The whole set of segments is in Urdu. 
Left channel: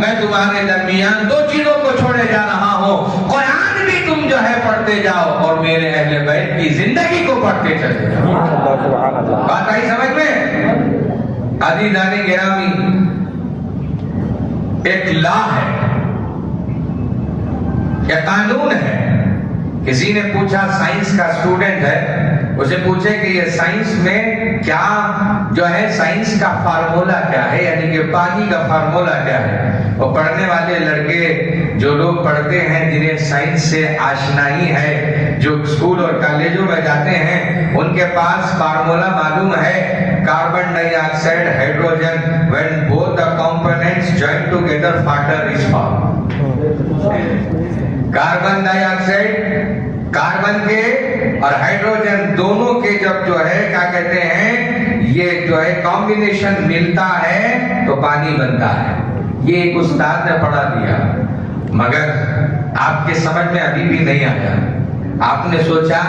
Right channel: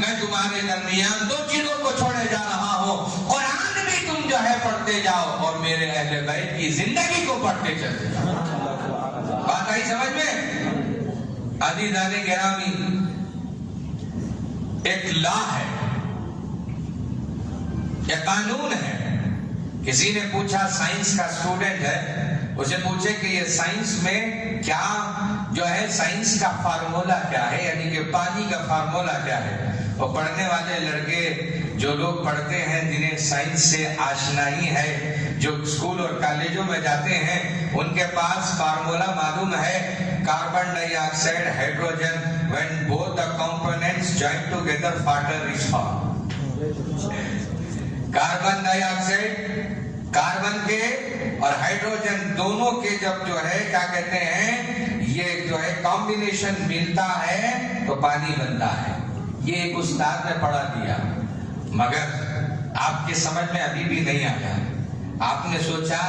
میں تمہارے درمیان دو چیزوں کو چھوڑے جا رہا ہوں، قرآن بھی تم جو ہے پڑھتے جاؤ اور میرے اہل بیت کی زندگی کو پڑھتے چلتے جاؤ۔ بات آئی سمجھ میں؟ عزیزان گرامی، ایک لا ہے، ایک قانون ہے۔ کسی نے پوچھا، سائنس کا اسٹوڈنٹ ہے، اسے پوچھے کہ یہ سائنس میں کیا جو ہے سائنس کا فارمولا کیا ہے، یعنی کہ پانی کا فارمولا کیا ہے۔ اور پڑھنے والے لڑکے جو لوگ پڑھتے ہیں، جنہیں سائنس سے آشنائی ہے، جو اسکول اور کالجوں میں جاتے ہیں، ان کے پاس فارمولا معلوم ہے، carbon dye oxide hydrogen when both the components join together water is formed۔ Carbon dye oxide, carbon کے اور ہائیڈروجن دونوں کے جب جو ہے کیا کہتے ہیں، یہ جو ہے کمبینیشن ملتا ہے تو پانی بنتا ہے۔ یہ ایک استاد نے پڑھا دیا، مگر آپ کے سمجھ میں ابھی بھی نہیں آیا۔ آپ نے سوچا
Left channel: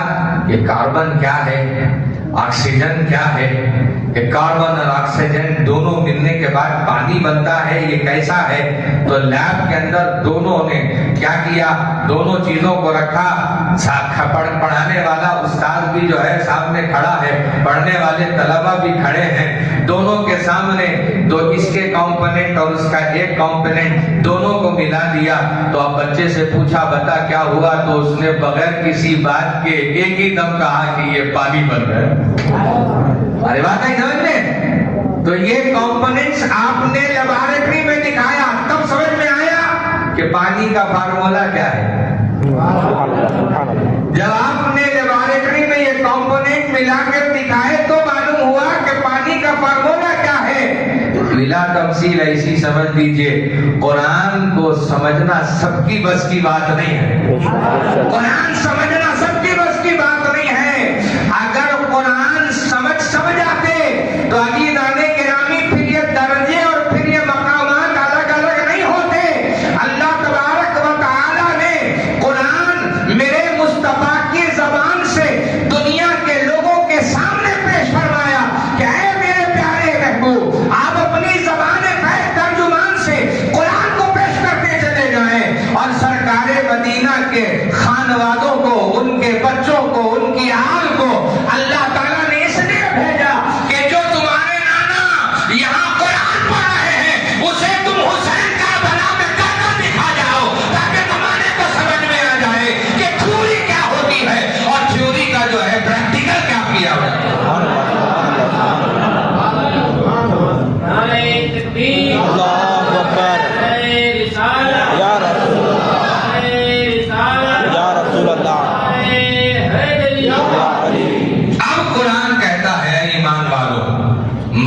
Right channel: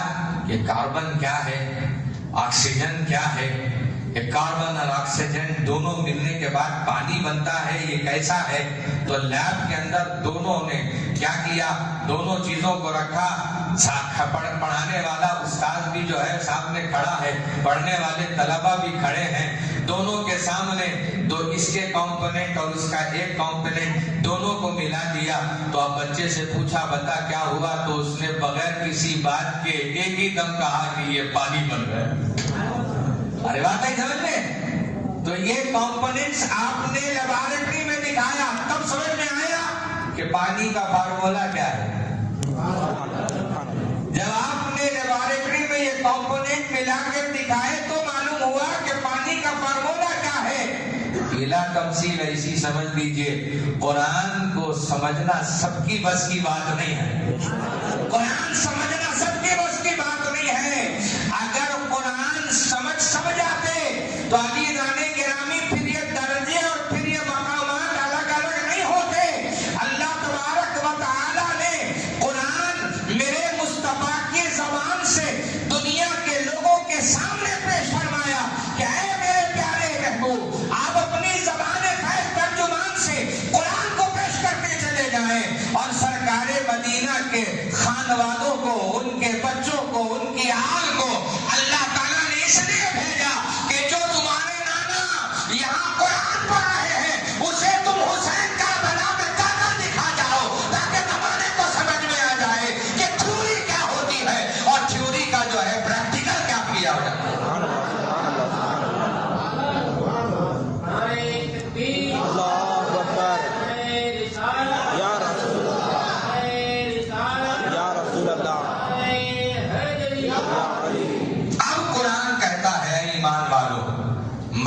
یہ کاربن کیا ہے، آکسیجن کیا ہے، یہ کاربن اور آکسیجن دونوں ملنے کے بعد پانی بنتا ہے، یہ کیسا ہے؟ تو لیب کے اندر دونوں نے کیا کیا، دونوں چیزوں کو رکھا، پڑھانے والا استاد بھی جو ہے سامنے کھڑا ہے، پڑھنے والے طلبہ بھی کھڑے ہیں، دونوں کے سامنے تو اس کے کمپوننٹ اور اس کا ایک کمپوننٹ دونوں کو ملا دیا۔ تو اب بچے سے پوچھا بتا کیا ہوا، تو اس نے بغیر کسی بات کے ایک ہی دم کہا کہ یہ پانی بن گیا۔ ارے بات ہے سمجھ میں؟ تو یہ کمپوننٹس آپ نے لیبارٹری میں دکھایا، تب سمجھ میں آیا کہ پانی کا فارمولا کیا ہے۔ جب آپ نے لیبارٹری میں یہ کمپوننٹ ملا کر دکھائے تو معلوم ہوا کہ پانی کا فارمولا کیا ہے۔ بلا تفصیل ایسی سمجھ لیجئے، قرآن کو سمجھنا سب کی بس کی بات نہیں ہے۔ قرآن سمجھنا سب کی بس کی بات نہیں ہے۔ اگر قرآن سمجھ آتے تو عزیزان گرامی پھر یہ درجے اور پھر یہ مقامات الگ الگ نہیں ہوتے۔ اللہ تبارک و تعالی نے قرآن میرے مصطفیٰ کی زبان سے دنیا کے لوگوں کے سامنے پیش فرمایا کہ اے میرے پیارے محبوب، آپ اپنی زبان فیض ترجمان سے قرآن کو پیش کرتے چلے جائیں، اور سرکار مدینہ کے خانوادوں کو، ان کے بچوں کو، ان کی آل کو اللہ تعالیٰ نے اس لیے بھیجا کہ جو تمہارے نانا یہاں قرآن پڑھ رہے ہیں، اسے تم حسین کربلا میں کر کر دکھا جاؤ، تاکہ زمانے کو سمجھ میں آ جائے کہ تھیوری کیا ہوتی ہے اور تھیوری کا جو ہے پریکٹیکل کیا کیا ہوا ہے۔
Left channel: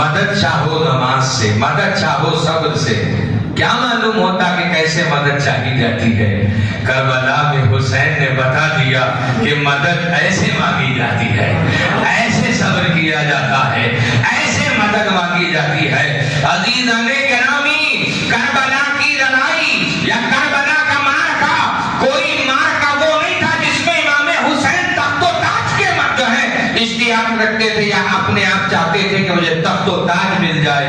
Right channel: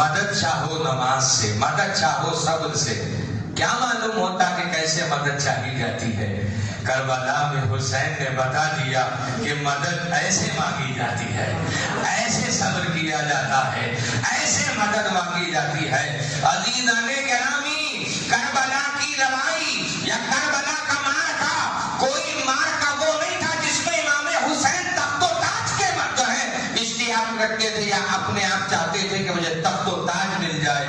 مدد چاہو نماز سے، مدد چاہو صبر سے، کیا معلوم ہوتا کہ کیسے مدد چاہی جاتی ہے۔ کربلا میں حسین نے بتا دیا کہ مدد ایسے مانگی جاتی ہے، ایسے صبر کیا جاتا ہے، ایسے مدد مانگی جاتی ہے۔ عزیزان گرامی، کربلا کی لڑائی یا کربلا کا معرکہ کوئی معرکہ وہ نہیں تھا جس میں امام حسین تخت و تاج کے جو ہے اشتیاق رکھتے تھے یا اپنے آپ چاہتے تھے کہ مجھے تخت و تاج مل جائے۔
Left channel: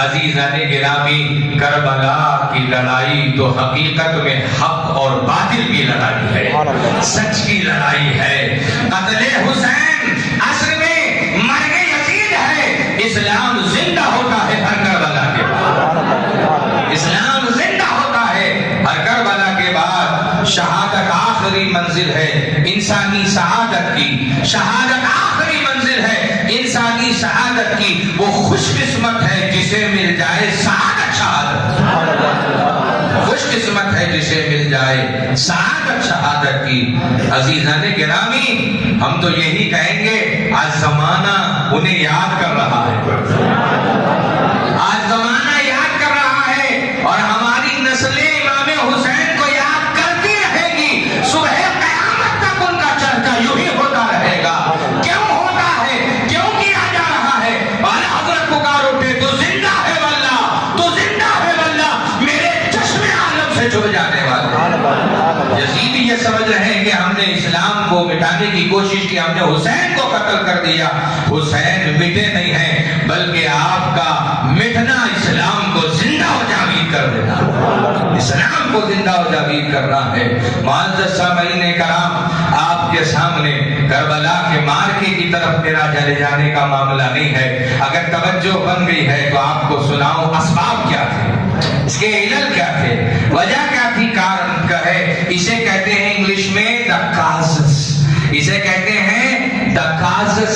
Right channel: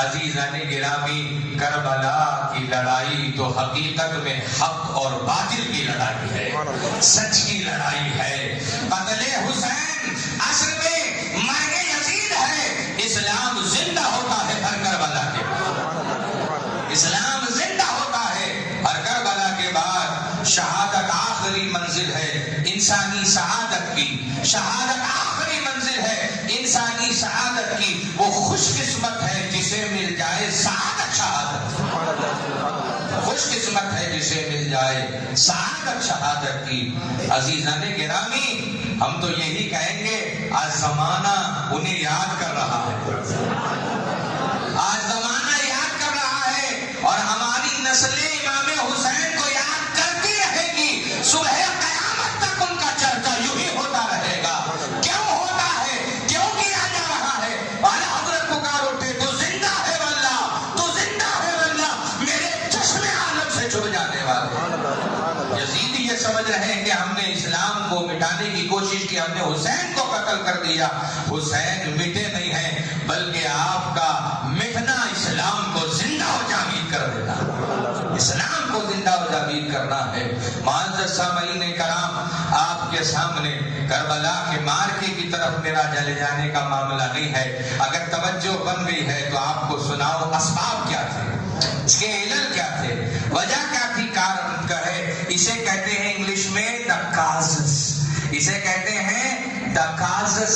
عزیزان گرامی، کربلا کی لڑائی تو حقیقت میں حق اور باطل کی لڑائی ہے، سچ کی لڑائی ہے۔ قتل حسین عصر میں مرگ یزید ہے۔ اسلام زندہ ہوتا ہے ہر کربلا کے بعد، اسلام زندہ ہوتا ہے ہر کربلا کے بعد۔ شہادت آخری منزل ہے انسانی سعادت کی، شہادت آخری منزل ہے انسانی سعادت کی۔ وہ خوش قسمت ہے جسے مل جائے سعادت شہادت، خوش قسمت ہے جسے مل جائے سعادت شہادت کی۔ عزیزان گرامی، ہم تو یہی کہیں گے آج زمانہ انہیں یاد کر رہا ہے، آج زمانہ یاد کر رہا ہے، اور ہماری نسل امام حسین کو یاد کرتی رہے گی۔ صبح قیامت تک ان کا چرچا یوں ہی ہوتا رہے گا۔ کیوں ہوتا ہے؟ کیوں کیا جا رہا ہے؟ اور حضرت پکار اٹھے تو زندہ ہے واللہ، تو زندہ ہے واللہ، میرے چشم عالم سے چھپ جانے والا۔ یزید یہ سمجھ رہے ہیں کہ ہم نے اسلام کو مٹانے کی کوشش کی، ہم نے حسین کو قتل کر دیا۔ حسین مٹے نہیں ہیں، بلکہ آپ کا مٹنا اسلام کو زندہ و جاوید کر دیتا۔ اسلام کو زندہ و جاوید کرنا ہے۔ معزز سامعین کرام، آپ کے سامنے کربلا کے مارکے کی طرف میرا چلے جانے کا معاملہ نہیں ہے۔ اگر توجہ بن گئی ہے تو آپ کو سناؤں اسباب کیا تھے، اس کے علل کیا تھے، وجہ کیا تھی، کارن کیا ہے۔ اسے کہتے ہیں انگلش میں دا کازز، اسے کہتے ہیں دا کازز۔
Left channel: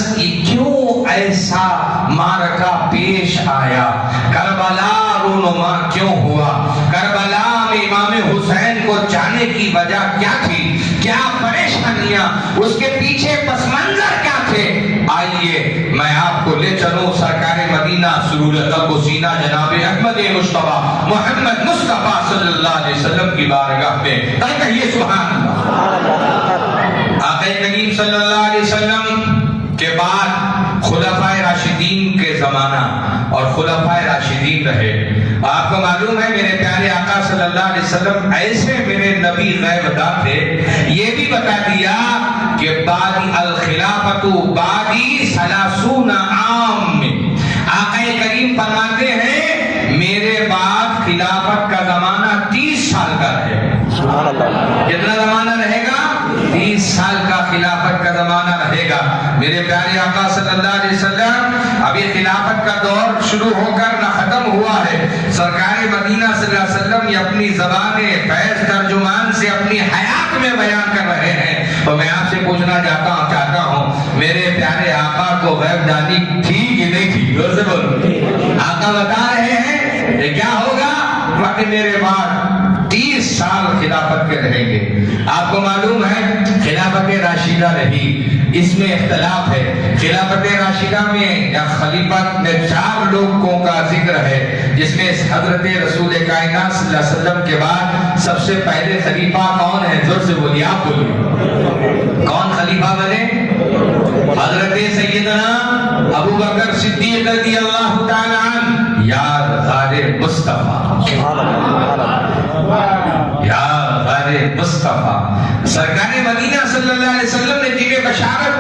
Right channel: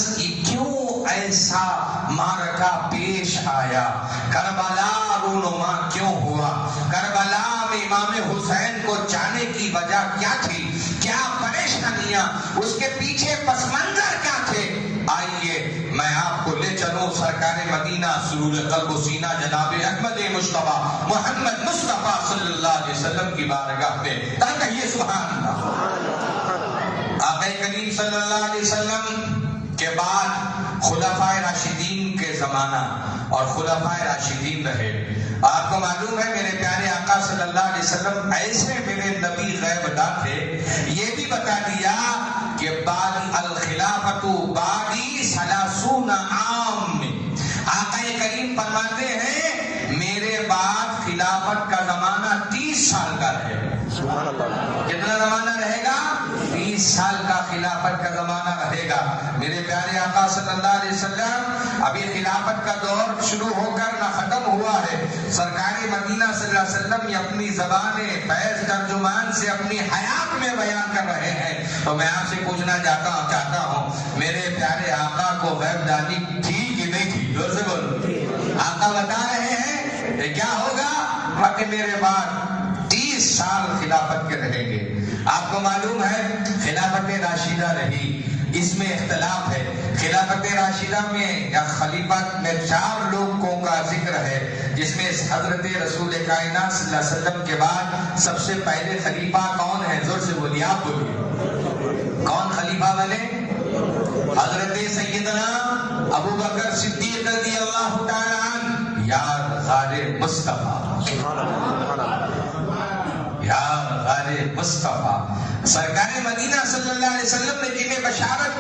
کیوں ایسا مارکہ پیش آیا، کربلا رونما کیوں ہوا، کربلا میں امام حسین کو جانے کی وجہ کیا تھی، کیا پریشانیاں، اس کے پیچھے پس منظر کیا تھے۔ آئیے میں آپ کو لے چلوں سرکار مدینہ سرور قلب و سینہ جناب احمد مصطفیٰ محمد مصطفیٰ صلی اللہ علیہ وسلم کی بارگاہ میں۔ کہیے سبحان اللہ۔ آقا کریم صلی اللہ علیہ وسلم کے بعد خلفائے راشدین کے زمانہ اور خلفائے راشدین رہے۔ آپ کو معلوم ہے میرے پیارے آقا صلی اللہ علیہ وسلم ایسے میرے نبی غیب داں تھے، یہ بھی بتا دیا کہ بادی الخلافت بادی 30 عام میں آقا کریم فرماتے ہیں میرے بعد خلافت کا زمانہ 30 سال کا رہے گا۔ کتنا زمانہ رہے گا؟ 30 سال کا خلافت کا زمانہ رہے گا۔ میرے پیارے آقا صلی اللہ علیہ وسلم ابھی خلافت کا دور شروع ہو کر نہ ختم ہوا ہے۔ سرکار مدینہ صلی اللہ علیہ وسلم یہ اپنی زبان فیض ترجمان سے اپنی حیات میں بیان کر رہے ہیں۔ تو میں آپ سے پوچھنا چاہتا ہوں میرے پیارے آقا کو غیب دانی تھی کہ نہیں تھی؟ زور سے بولو۔ آقا بتا رہے ہیں یہ کیا ہوگا، کہ میرے بعد 30 سال خلافت کے رہیں گے۔ آپ کو معلوم ہے خلافت راشدہ رہی، اس میں اختلاف ہے۔ خلافت راشدہ میں یا خلیفت میں 4 لوگوں کا ذکر ہے، جس میں حضرت رسول کائنات صلی اللہ علیہ وسلم کے بعد سب سے پہلے خلیفہ کون ہے؟ زور سے بولیے، آپ بولیے، کون خلیفہ بنے؟ حضرت سیدنا ابو بکر صدیق رضی اللہ تعالی عنہ، یا غار مصطفیٰ، یا غار مصطفیٰ۔ سرکار مدینہ صلی اللہ علیہ وسلم نے جنہیں بشارت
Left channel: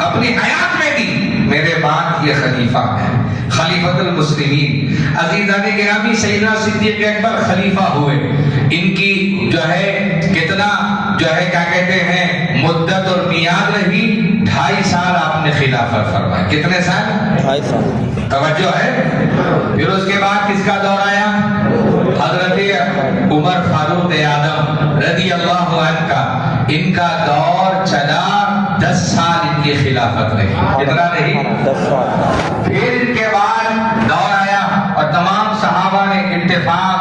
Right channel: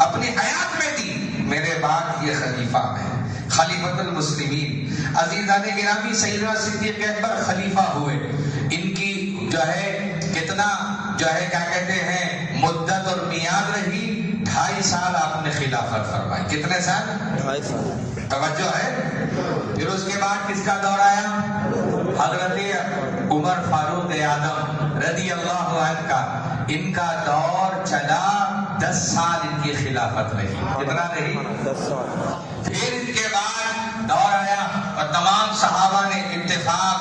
اپنی حیات میں دی، میرے بعد یہ خلیفہ ہے، خلیفۃ المسلمین۔ عزیزان گرامی، سیدنا صدیق اکبر خلیفہ ہوئے، ان کی جو ہے کتنا جو ہے کیا کہتے ہیں مدت اور میعاد رہی، 2.5 سال آپ نے خلافت فرمائی۔ کتنے سال؟ 2.5 سال۔ توجہ ہے۔ پھر اس کے بعد کس کا دور آیا؟ حضرت عمر فاروق اعظم رضی اللہ عنہ کا، ان کا دور چلا 10 سال ان کی خلافت رہی۔ کتنا رہی؟ 10 سال۔ پھر ان کے بعد دور آیا اور تمام صحابہ نے اتفاق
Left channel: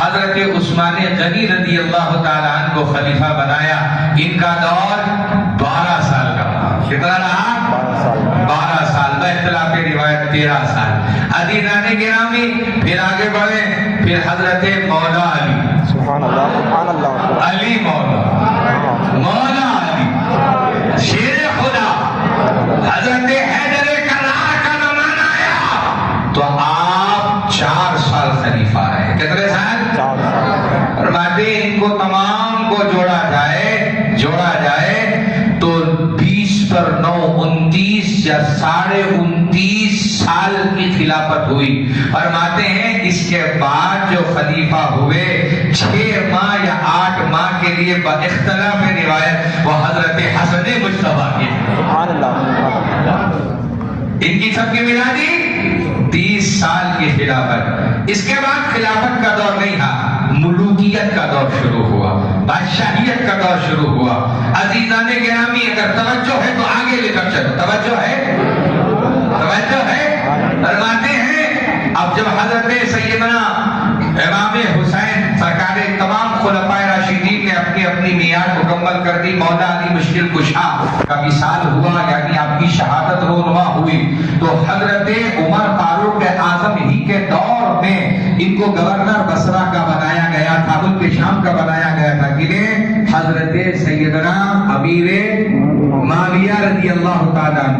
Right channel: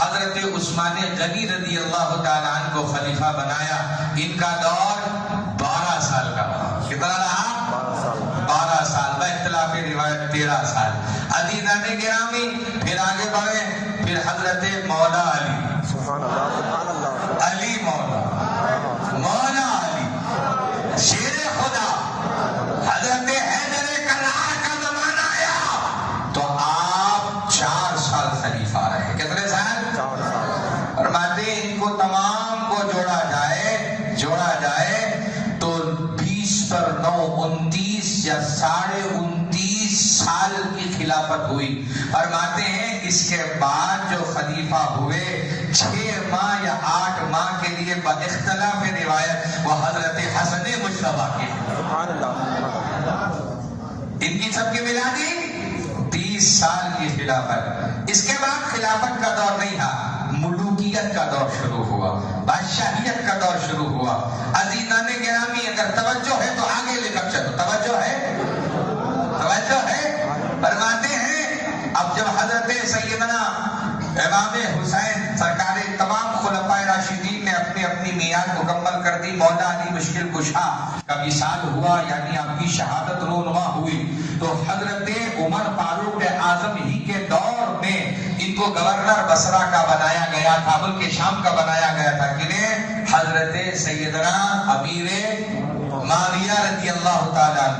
حضرت عثمان غنی رضی اللہ تعالیٰ عنہ کو خلیفہ بنایا۔ ان کا دور 12 سال کا رہا۔ کتنا رہا؟ 12 سال، باختلاف روایت 13 سال۔ عزیزان گرامی، پھر آگے بڑھے، پھر حضرت مولا علی، سبحان اللہ، سبحان اللہ، علی مولا علی شیر خدا، حضرت حیدر کرار کا زمانہ آیا تو آپ 4 سال خلیفہ رہے۔ کتنے سال؟ 4 سال۔ فرماتے ان کو تمام کو جوڑا جائے تو 20 پر 9 29 یا 29.5 سال کی خلافت ہوئی۔ فرماتے ہیں اس کے بعد جو خلیفہ ہوئے 6 ماہ یا 8 ماہ کے لیے باختلاف روایت وہ حضرت حسن مصطفیٰ کی، سبحان اللہ، ان کی سب کی ملا دی 30 سال کی خلافت۔ اس کے بعد خلافت کا دور نہیں تھا، ملوکیت کا دور شروع ہوا، بادشاہیت کا دور شروع ہوا۔ عزیزان گرامی، اگر توجہ ہے تو آگے لے کر چلو، توجہ ہے؟ فرماتے ہیں اب جب حضرت سیدنا امام حسین سرکار تمام خلفائے راشدین نے اپنی اپنی میعاد مکمل کر دی، مولا علی مشکل کشا کا وصال ہوا، یعنی آپ کی شہادت رونما ہوئی، تو حضرت عمر فاروق اعظم ہی کے دور میں ان کو گورنر بصرہ کا بنایا گیا تھا، ملک شام کا بنایا گیا تھا۔ کنہیں؟ حضرت سیدنا امیر معاویہ رضی اللہ تعالیٰ۔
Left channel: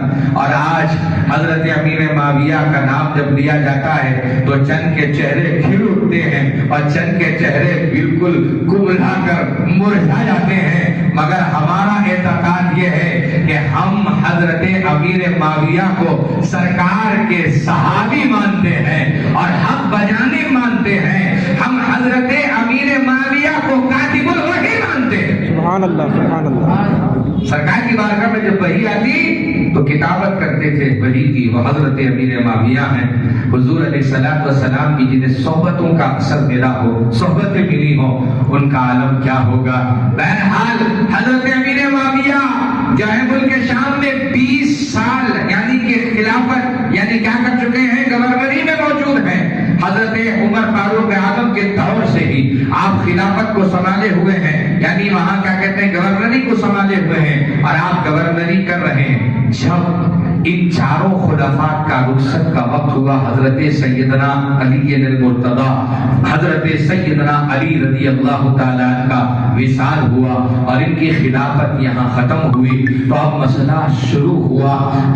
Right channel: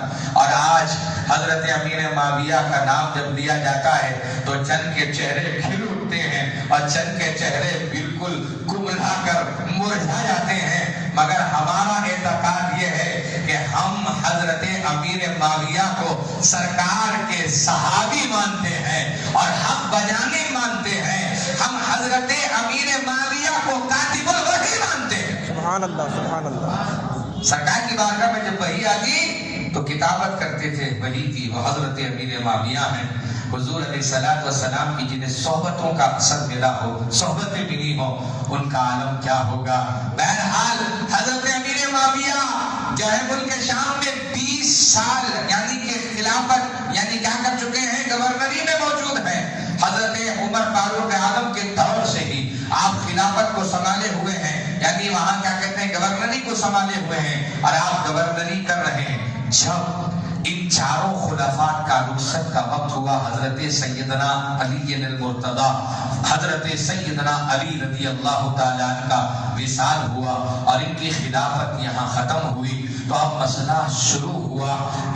اور آج حضرت امیر معاویہ کا نام جب لیا جاتا ہے تو چند کے چہرے کھل اٹھتے ہیں اور چند کے چہرے بالکل کبلا کر مرجھا جاتے ہیں، مگر ہمارا اعتقاد یہ ہے کہ ہم حضرت امیر معاویہ کو سرکار کے صحابی مانتے ہیں اور حق بجانے مانتے ہیں۔ ہم حضرت امیر سبحان اللہ سبحان اللہ. سرکار کی بارگاہ میں جب وحی آتی تو کتابت کرتے تھے وحی کی. وہ حضرت امیر معاویہ ہیں حضور علیہ الصلوۃ والسلام کی جنہیں صحبتوں کا اثر ملا ہو, صحبتیں ملی ہوں, ان کا عالم کیا ہوگا. بہرحال حضرت امیر معاویہ جو ہے ملک شام میں 20 سال یعنی کہ خلافت یعنی کیا کر چکے ہیں, گورنری میں موجود ہیں. حضرت عمر فاروق اعظم کے دور سے ہی آپ خلافت کو سنبھالے ہوئے ہیں, یعنی وہاں کیا کہتے ہیں گورنری کو سنبھالے ہوئے ہیں, اور آپ گورنری کر رہے ہیں. جب ان چاروں خلفاء کا رخصت کا وقت ہوا, حضرت سیدنا علی المرتضیٰ, حضرت سیدنا علی رضی اللہ تعالیٰ عنہ کا وصال ہوا اور ان کی خلافت یہاں ختم ہوئی, تو اب مسئلہ شروع ہوا,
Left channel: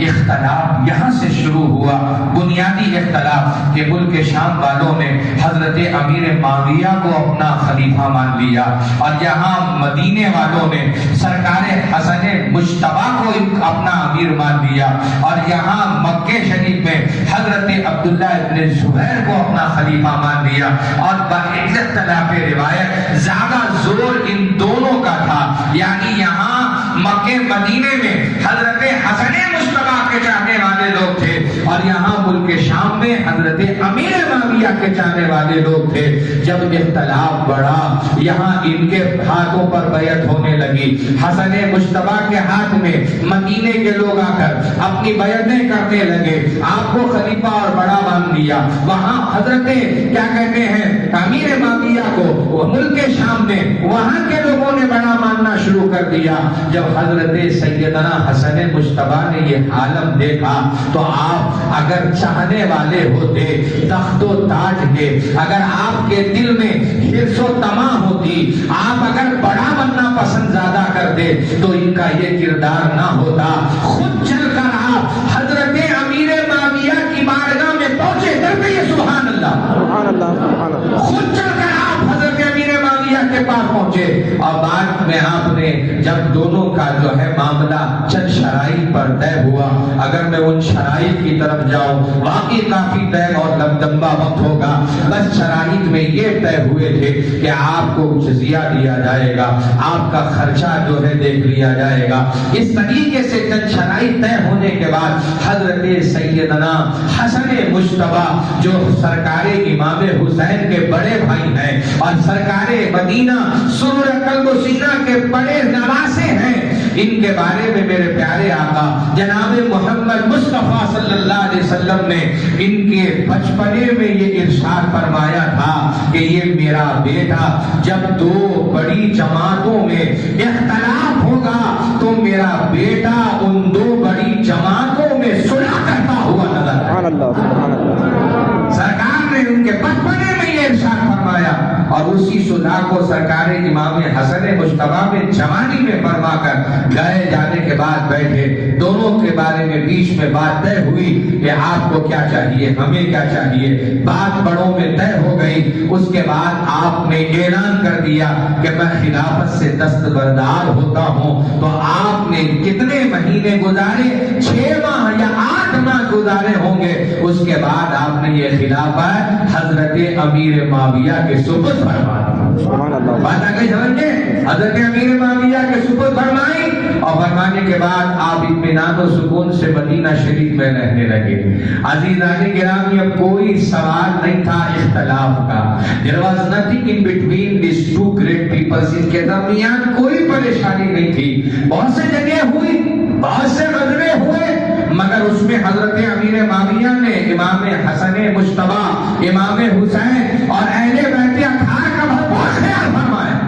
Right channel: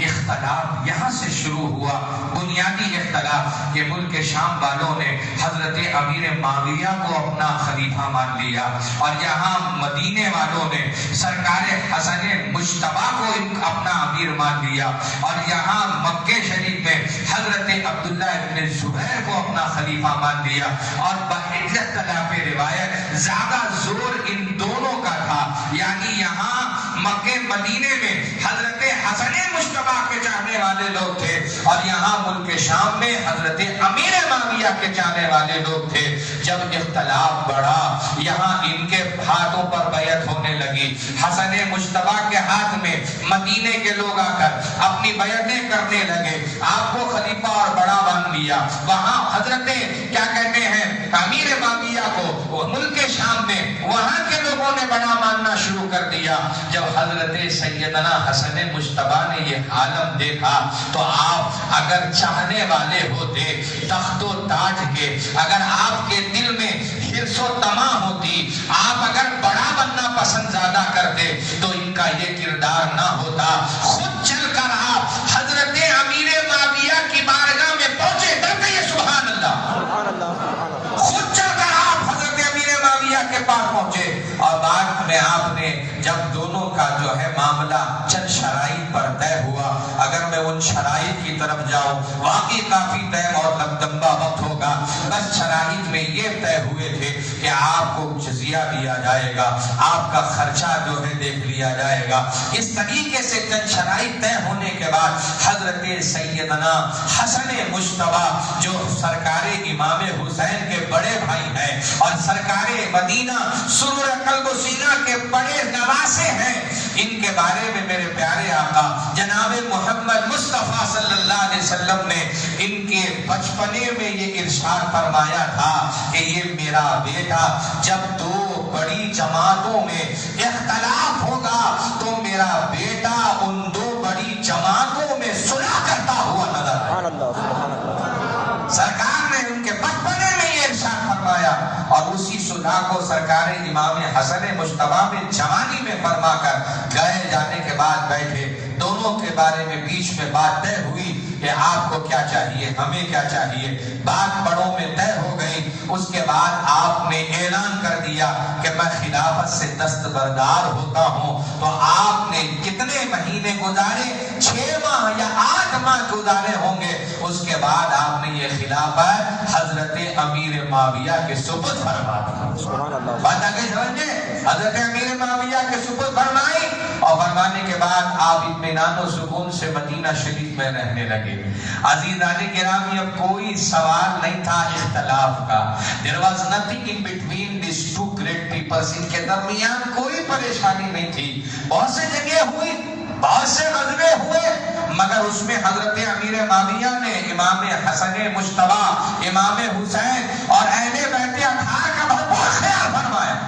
اختلاف یہاں سے شروع ہوا. بنیادی اختلاف کہ ملک شام والوں نے حضرت امیر معاویہ کو اپنا خلیفہ مان لیا, اور یہاں مدینے والوں نے سرکار حسن مجتبیٰ کو اپنا امیر مان لیا, اور یہاں مکہ شریف میں حضرت عبداللہ ابن زبیر کو اپنا خلیفہ مان لیا. اور باختلاف روایت زیادہ زور ان دونوں کا تھا, یعنی یہاں مکہ مدینے میں حضرت حسن مجتبیٰ کے چاہنے والے لوگ تھے, اور یہاں ملک شام میں حضرت امیر معاویہ کے چاہنے والے لوگ تھے. جب اختلاف بڑھا, یہاں ان کے ہاتھوں پر بیعت ہونے لگی. حسن مجتبیٰ کے ہاتھ میں مدینے کے لوگ آ کر اپنی بیعتیں کرنے لگے, آپ کو خلیفہ اور بڑا مان لیا. وہاں حضرت کیا کہتے ہیں امیر معاویہ کو ملک شام میں وہاں کے لوگوں نے بڑا ماننا شروع کر دیا. جب حضرت سیدنا حسن مجتبیٰ نے یہ عالم دیکھا تو آپ اگر چاہنے والے ہوتے تخت و تاج کے, اگر آپ کے دل میں حرص و طمع ہوتی, آپ اگر بڑا بننا پسند زیادہ کرتے تو ان کا یہ کردار نہ ہوتا. خود چل کر آپ حضرت امیر معاویہ کی بارگاہ میں پہنچے, ڈر گئے سبحان اللہ سبحان اللہ سبحان اللہ. خود چل کر آپ حضرت امیر معاویہ کے پاس پہنچے, اور بعد میں آپ نے جب دونوں کا جو ہے معاملہ چند شرائط پر طے ہوا, اگر میں ان شرائط کی طرف جاؤں واقعی کافی ٹائم اور لمبا وقت ہوگا. بس شرائط میں یہ طے ہوئے تھے کہ آپ کو جزیہ دیا جائے گا, آپ کا خرچہ جو ہے دیکھ لیا جائے گا. اس طریقے سے چند شرائط طے ہونے کے بعد حضرت سیدنا حسن مجتبیٰ جو سرکار امام حسین کے بڑے بھائی ہیں اور سرکار مدینہ سرور قلب و سینہ کے بڑے نواسے ہیں, ان کے بارے میں میرے پیارے آقا جناب محمد مصطفیٰ صلی اللہ علیہ وسلم نے ان کے بچپنے میں یہ ارشاد فرمایا تھا کہ یہ میرا بیٹا جب دو بڑی جماعتوں میں اختلاف ہوگا تو میرا بیٹا ان دو بڑی جماعتوں میں صلح کرتا ہوا نظر آئے. سبحان اللہ سبحان اللہ. سرکار نے ان کے بچپنے میں یہ ارشاد فرمایا, اور اسی صلح کو سرکار امام حسن مجتبیٰ میں جوانی میں فرما کر گئے. جانے کے بعد بیٹھے, دونوں کے بارے میں بیچ میں بات طے ہوئی کہ آپ کو کیا چاہیے, ہمیں کیا چاہیے. بات بڑوں میں طے ہو گئی. اس کے بعد آپ نے اعلان کر دیا کہ میں خلافت سے دستبردار ہوتا ہوں. تو آپ نے کتنے مہینے گزارے, 6 ماہ یا 8 ماہ گزارے ہوں گے. اس کے بعد آپ نے یہ خلافت حضرت امیر معاویہ کے سپرد فرما دی. سبحان اللہ. بات آگے سمجھے, حضرت امیر معاویہ کے سپرد فرمائی, اور فرمانے کے بعد آپ اطمینان و سکون سے مدینہ شریف میں رہنے لگے. عزیزان گرامی, اب کوئی سوال نہیں تھا اختلاف کا. There was nothing in between these two great peoples. ان کے درمیان کوئی پریشانی نہیں تھی. بہت سے جگہ ہوئی, بہت سے غزوے ہوئے, مگر اس میں حضرت امیر معاویہ نے امام حسن مجتبیٰ, امام حسین اور اہل بیت اطہار کا بہت خیال فرمایا.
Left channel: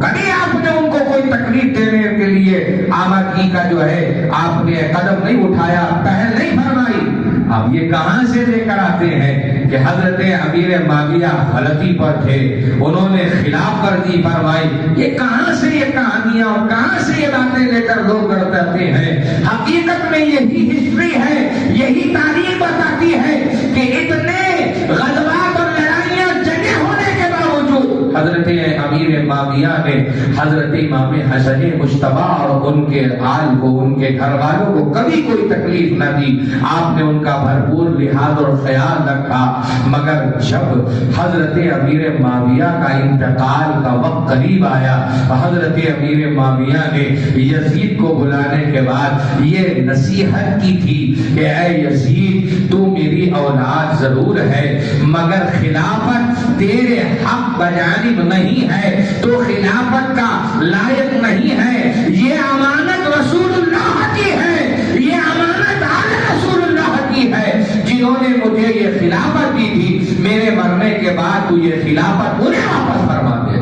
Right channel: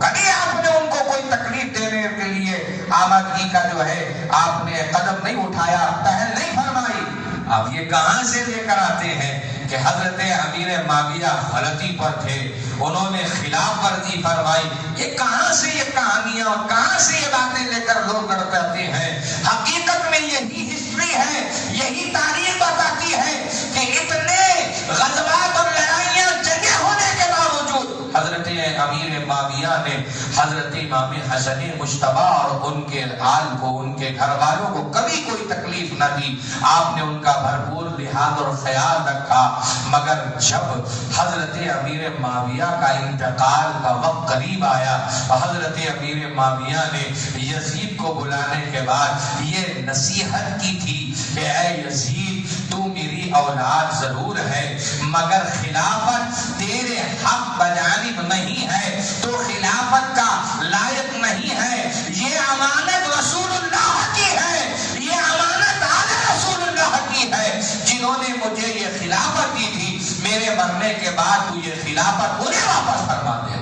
کبھی آپ نے ان کو کوئی تکلیف دینے کے لیے آمادگی کا جو ہے آپ نے قدم نہیں اٹھایا, پہل نہیں فرمائی. اب یہ کہاں سے لے کر آتے ہیں کہ حضرت امیر معاویہ غلطی پر تھے, انہوں نے خلاف ورزی فرمائی. یہ کہاں سے یہ کہانیاں اور کہاں سے یہ باتیں لے کر لوگ کرتے ہیں. حقیقت میں یہی ہسٹری ہے, یہی تاریخ بتاتی ہے کہ اتنے غزوات اور لڑائیاں جنگیں ہونے کے باوجود حضرت امیر معاویہ نے حضرت امام حسن مجتبی اور ان کے آل کو، ان کے گھر والوں کو کبھی کوئی تکلیف نہ دی، آپ نے ان کا بھرپور لحاظ اور خیال رکھا۔ مگر جب حضرت امیر معاویہ کا انتقال کا وقت قریب آیا، حضرت امیر معاویہ نے یزید کو بلانے کے بعد یہ نصیحت کی تھی کہ اے یزید، تو میری اولاد ضرور ہے مگر خلافت تیرے حق بجانب نہیں ہے، تو خلافت کا لائق نہیں ہے، یہ امانت رسول اللہ کی ہے، یہ امانت آل رسول اللہ کی ہے، جنہوں نے مجھے یہ خلافت دی تھی، میرے مرنے کے بعد تو یہ خلافت انہیں واپس فرما دے۔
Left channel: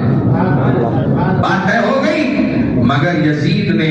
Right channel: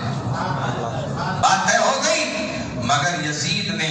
بات طے ہو گئی۔ مگر یزید نے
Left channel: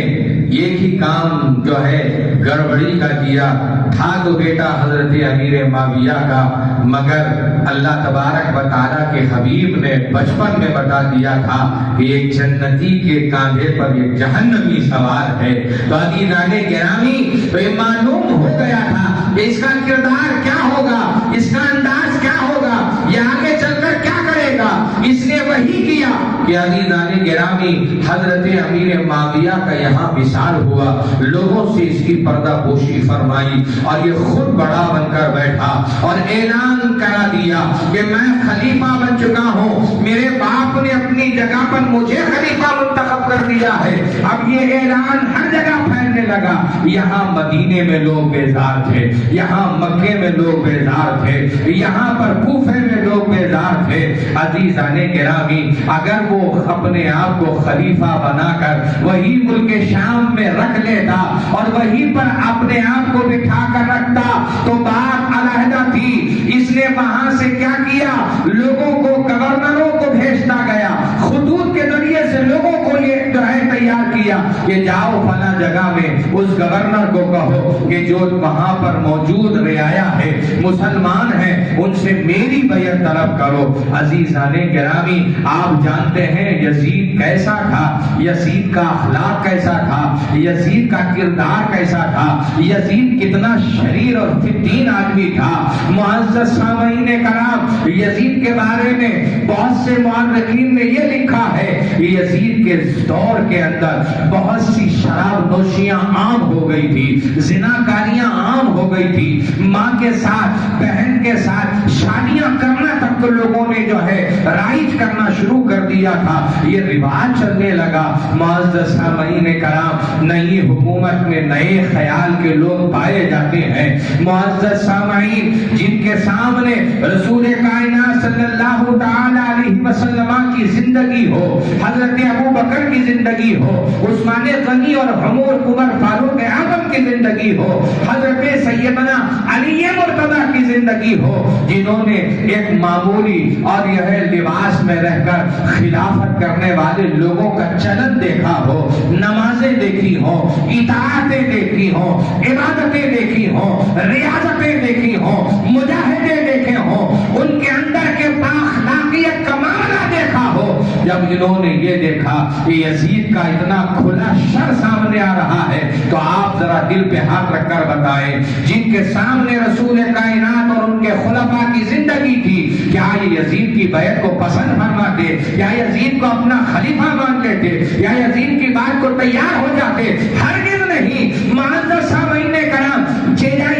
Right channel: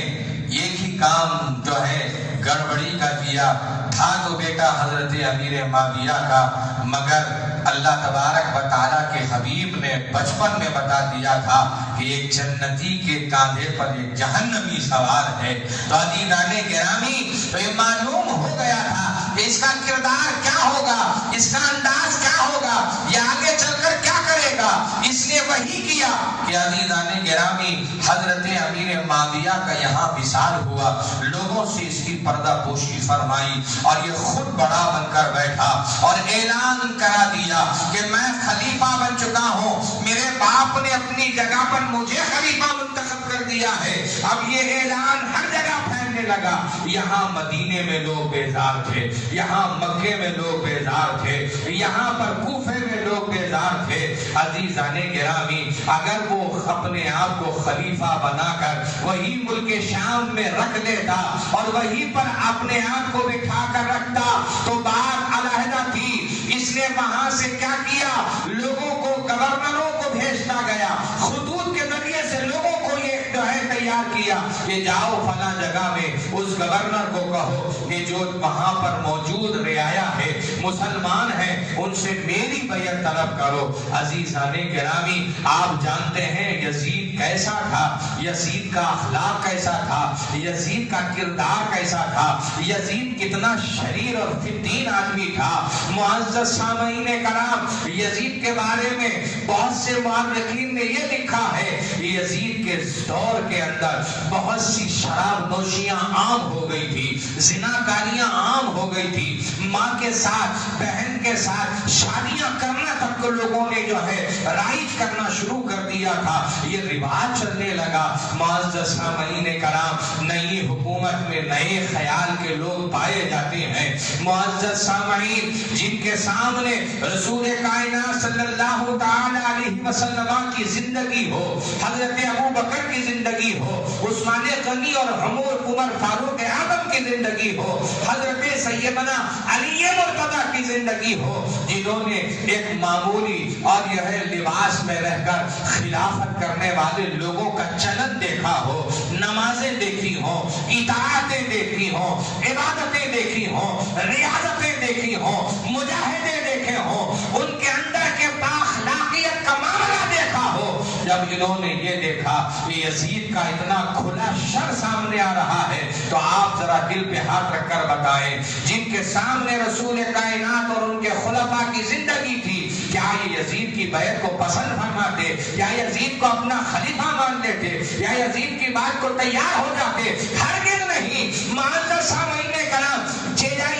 ایک ہی کام جو ہے گڑبڑی کا کیا تھا تو بیٹا حضرت امیر معاویہ کا، مگر اللہ تبارک و تعالیٰ کے حبیب نے بچپن میں بتا دیا تھا کہ ایک جنتی کے کاندھے پر ایک جہنمی سوار ہے۔ تو عزیزان گرامی، تو یہ معلوم ہو گیا تھا کہ اس کا کردار کیا ہوگا، اس کا انداز کیا ہوگا، یہ آگے چل کر کیا کرے گا۔ اس نے وہی کیا کہ عزیزان گرامی حضرت امیر معاویہ کا یہاں وصال ہوا، لوگوں سے اس کی پردہ پوشی فرمائی اور یہ خود بڑا بن کر بیٹھا اور اعلان کرا دیا کہ میں خلیفہ بن چکا ہوں، میرے باپ نے اپنی جگہ پر مجھے خلیفہ منتخب کر دیا ہے۔ اب یہ اعلان ہر جگہ پھیلنے لگا، یہاں مدینے میں لوگ بیزار تھے، یہاں مکے میں لوگ بیزار تھے، یہاں پر کوفے میں لوگ بیزار تھے۔ عزیزان گرامی، اگر وہ اپنے آپ کو خلیفہ بنا کر وہی ملک شام میں رکھ لیتا اور وہیں پر اپنے آپ کو بٹھا کر رکھتا تو بات علیحدہ تھی۔ اس نے وہاں سے کیا کیا، لوگوں کو، گورنروں کو بھیجتا گیا، خطوط کے ذریعے سے لوگوں کو یہ جو ہے تیار کیا کہ جاؤ فلاں جگہ میں اس گورنر کو کہو کہ جو وہاں پر موجود رعایا ہے، مسلمان ہیں، ان سے میری بیعت طلب کرو۔ عزیزان گرامی، آپ جانتے ہیں یزید کیسا تھا، یزید کا اخلاق کیسا تھا، یزید کا کردار کیسا تھا، یزید کتنا شریر اور فتین آدمی تھا۔ معزز سامعین کرام، یزید کے بارے میں بہت سے مورخین نے یہ لکھا ہے کہ یزید کے دور کے اندر بہت سی شراب نوشیاں عام ہو گئی تھی، زناکاریاں عام ہو گئی تھی، ماں کے ساتھ، بہن کے ساتھ شادیاں کرنا تک لوگوں نے جو ہے رائج کرنا شروع کر دیا تھا، یہ رواج چلنے لگا۔ معزز سامعین کرام، نئی حکومت میں نئے خیال کے لوگ پائے جاتے ہیں۔ معزز سامعین، جن کے سامنے رسول کائنات صلی اللہ تعالی علیہ وسلم کی زندگی ہو، حضرت ابو بکر کی زندگی ہو، عثمان غنی اور عمر فاروق اعظم کی زندگی ہو، حضرت سیدنا علی مرتضی کی زندگی ہو، جنہوں نے ایک معمولی اور یہ ہے لباس میں رہ کر خلافت کرنے والے لوگوں کا چلن دیکھا ہو، نمازیں دیکھی ہوں، اطاعتیں دیکھی ہوں، عبادتیں دیکھی ہوں، ریاضتیں دیکھی ہوں، مجاہدے دیکھے ہوں، ان کے اندر کے بااخلاقیت کا معاملہ دیکھا ہو۔ جب انہوں نے یہ دیکھا کہ یزید کا اتنا کھلا شر سامنے آ رہا ہے تو آپ ذرا دل پہ ہاتھ رکھ کر بتائیں، جن کے سامنے رسول کائنات اور ان کے خلفاء کی زندگی تھی، کیا یہ یزید کی بیعت کو پسند فرماتے، یا یزید کو اپنا خلیفہ مان لیتے، یا یزید کی بات کو تیار ہو جاتے؟ ہرگز نہیں۔ معزز سامعین کرام،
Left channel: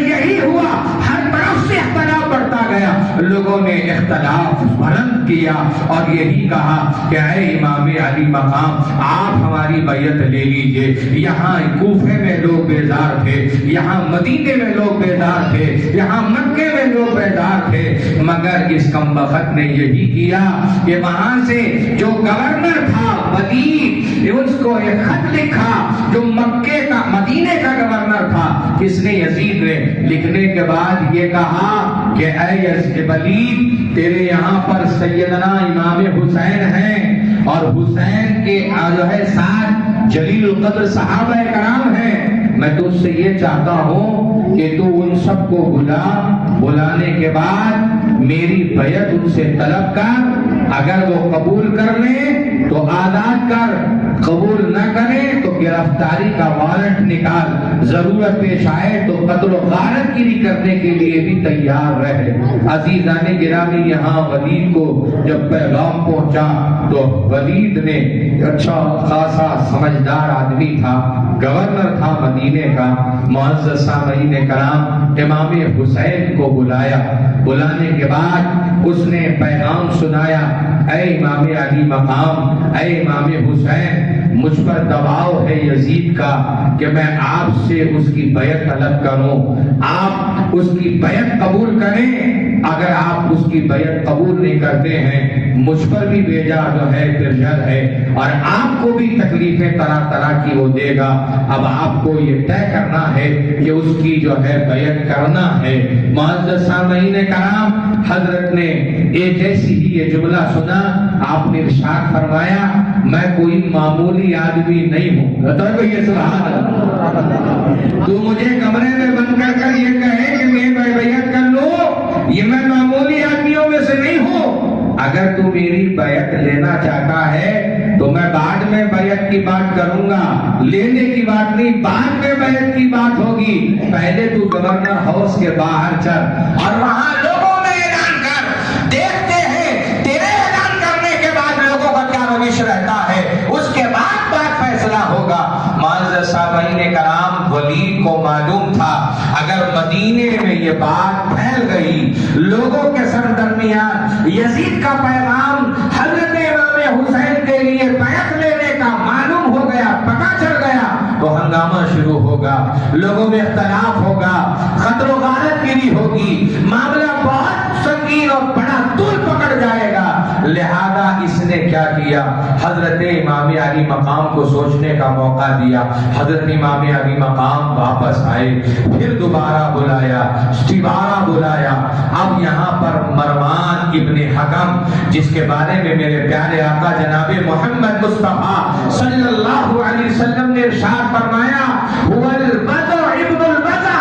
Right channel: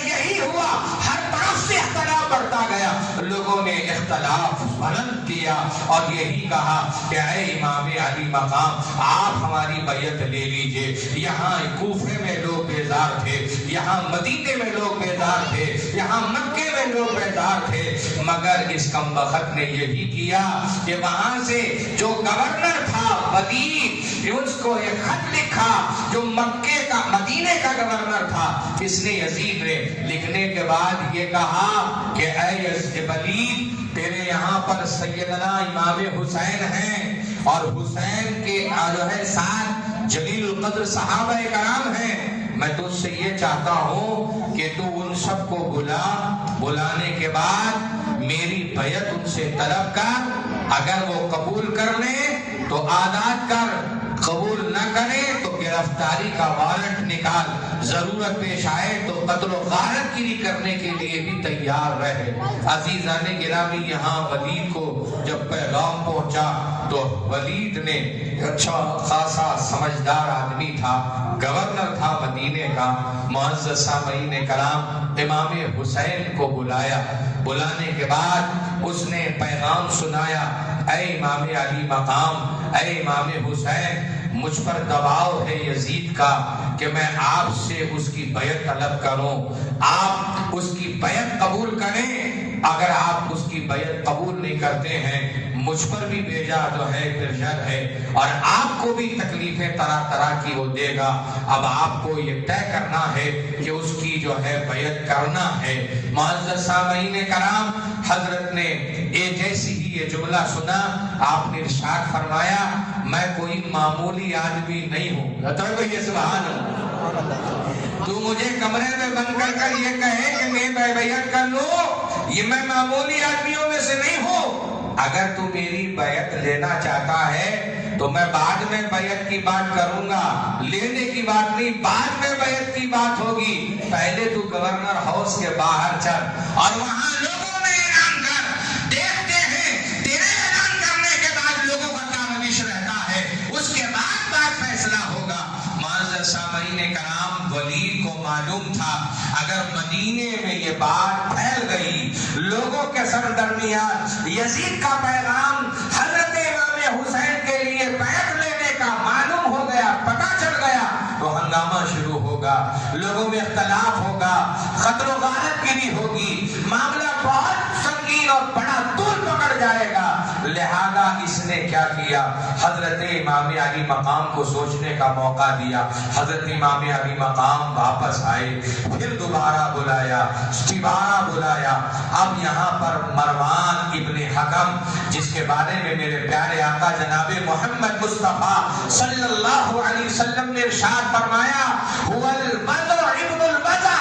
یہی ہوا، ہر طرف سے اختلاف بڑھتا گیا، لوگوں نے اختلاف بلند کیا اور یہی کہا کہ اے امام علی مقام، آپ ہماری بیعت لے لیجئے۔ یہاں کوفے میں لوگ بیزار تھے، یہاں مدینے میں لوگ بیزار تھے، یہاں مکے میں لوگ بیزار تھے، مگر اس کمبخت نے یہی کیا کہ وہاں سے جو گورنر تھا ودیع، اس کو ایک خط لکھا، جو مکے کا مدینے کا گورنر تھا، اس نے یزید نے لکھنے کے بعد یہ کہا کہ اے ولید، تیرے یہاں پر سیدنا امام حسین ہیں اور حسین کے جو ہے ساتھ جلیل القدر صحابہ کرام ہیں، میں تجھ سے یہ چاہتا ہوں کہ تو ان سب کو بلانے کے بعد میری بیعت ان سے طلب کر اگر وہ قبول کر لیں تو آزاد کر، قبول نہ کرے تو گرفتاری کا وارنٹ نکال، ضرورت پیش آئے تو قتل و غارت گیری کرنے کے لیے بھی تیار رہے۔ عزیزان گرامی، یہاں ولید کو جب پیغام پہنچا تو ولید نے، اچھا خاصا سمجھدار آدمی تھا، گورنر تھا مدینے کا، معزز سامعین کرام، امام حسین کو بلایا۔ بلانے کے بعد اس نے پیغام سنایا، اے امام علی مقام، اے امام حسین، مجھ پر دباؤ ہے یزید کا کہ میں آپ سے اس کی بیعت طلب کروں، آپ اس کی بیعت قبول کریں۔ اگر آپ اس کی بیعت قبول نہیں کرتے ہیں، مجھ پر بھی بھیجا جو ہے پرشر ہے، اور آپ کو بھی تکلیفیں طرح طرح کی وہ دے گا۔ اب آپ کو یہ طے کرنا ہے کہ اس کی جو ہے بیعت کرنا ہے۔ معزز سامعین کرام، حضرت نے ایک ایسی ہی یہ جملہ سنا، آپ نے ارشاد فرمایا، میں کوئی معمولی آدمی نہیں ہوں۔ تو یہ سبحان اللہ، تو مجھے کمرے میں بند کر کر یہ کہے کہ میں بیعت کر لوں، یہ میں معمولی آدمیوں میں سے نہیں ہوں۔ اگر تو میری بیعت لینا چاہتا ہے تو میں بعد میں بیعت کی بات کروں گا، لینے کی بات نہیں، بعد میں بیعت کی بات ہوگی۔ پہلے تو گورنر ہاؤس کے باہر چل اور وہاں لوگوں میں اعلان کر، دیکھتے ہیں تیرے اعلان کرنے کے بعد لوگوں کا کیا روش رہتا ہے، اس کے بعد بات فیصلہ ہوگا۔ معزز سامعین کرام، ولید کو معلوم تھا اگر مدینے میں یہ بات پھیل گئی، لوگوں کے سر درمیان یزید کا پیغام حضرت امام حسین کے لیے بیعت لینے کا معلوم ہو گیا، پتہ چل گیا، تو ہنگامہ شروع ہوگا، لوگوں میں اختلاف ہوگا، قتل و غارت گیری ہوگی، معاملہ بہت سنگین اور بڑا طول پکڑ جائے گا۔ لہذا اس نے کیا کیا، حضرت امام علی مقام کو سوچنے کا موقع دیا۔ حضرت امام علی مقام واپس آئے، پھر دوبارہ بلایا، دوبارہ بلایا۔ اب یہاں پر مروان ابن حکم، جس کے بارے میں میرے پیارے آقا جناب محمد مصطفیٰ صلی اللہ علیہ وسلم نے ارشاد فرمایا، هو البدر ابن البدر،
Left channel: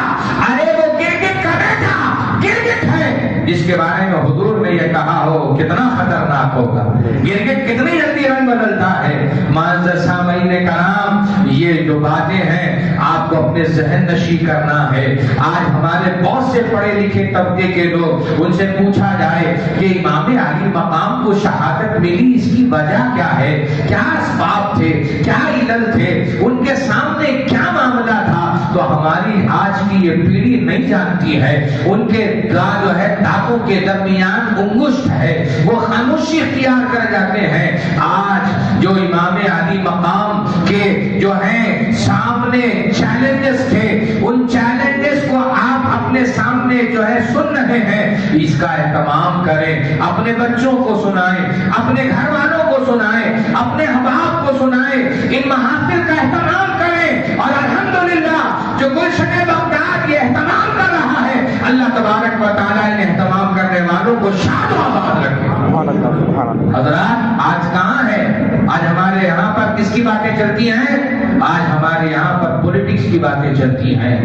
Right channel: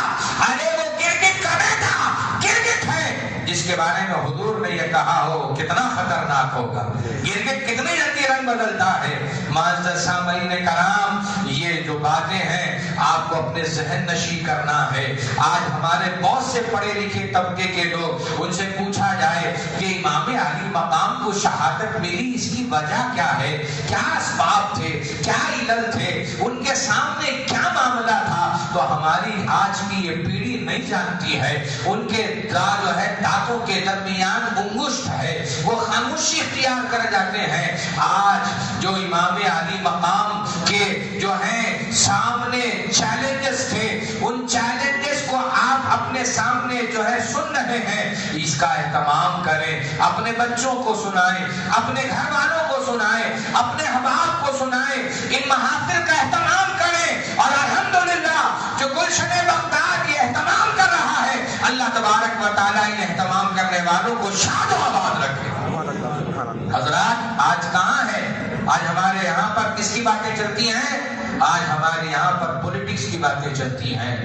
ارے وہ گرگٹ کا بیٹا گرگٹ ہے، جس کے بارے میں حضور نے یہ کہا ہو کتنا خطرناک ہوگا، گرگٹ کتنی جلدی رنگ بدلتا ہے۔ معزز سامعین کرام، یہ جو باتیں ہیں آپ کو اپنے ذہن نشی کرنا ہے۔ آج ہمارے بہت سے پڑھے لکھے طبقے کے لوگ، ان سے پوچھا جائے کہ امام علی مقام کو شہادت ملی، اس کی وجہ کیا ہے، کیا اسباب تھے، کیا علل تھے، ان کے سامنے کیا معاملہ تھا، تو ہماری آج کی یہ پیڑھی نہیں جانتی ہے۔ ان کے جو ہے دانتوں کے درمیان انگشت ہے، وہ خاموشی اختیار کر جاتے ہیں۔ آج جو امام علی مقام کے جو ہیں سامنے چیلنجز تھے، ان چیلنجز کو آپ اپنے سامنے جو ہے سن رہے ہیں، اس کا اہتمام کریں، اپنے بچوں کو سنائیں، اپنے گھر والوں کو سنائیں، اپنے احباب کو سنائیں، ان محافل کا اہتمام کریں۔ اور الحمدللہ جو گلشن بغداد یہ اہتمام کر رہا ہے، اللہ تبارک و تعالیٰ ان اہتمام کرنے والوں کو شاد و آباد رکھے۔ حضرات، آج کہاں ہے؟ آج ہمارے یہاں پر کس کی باتیں چلتی ہیں؟ آج ہمارے یہاں پر پولیٹکس کی باتیں چلتی ہیں،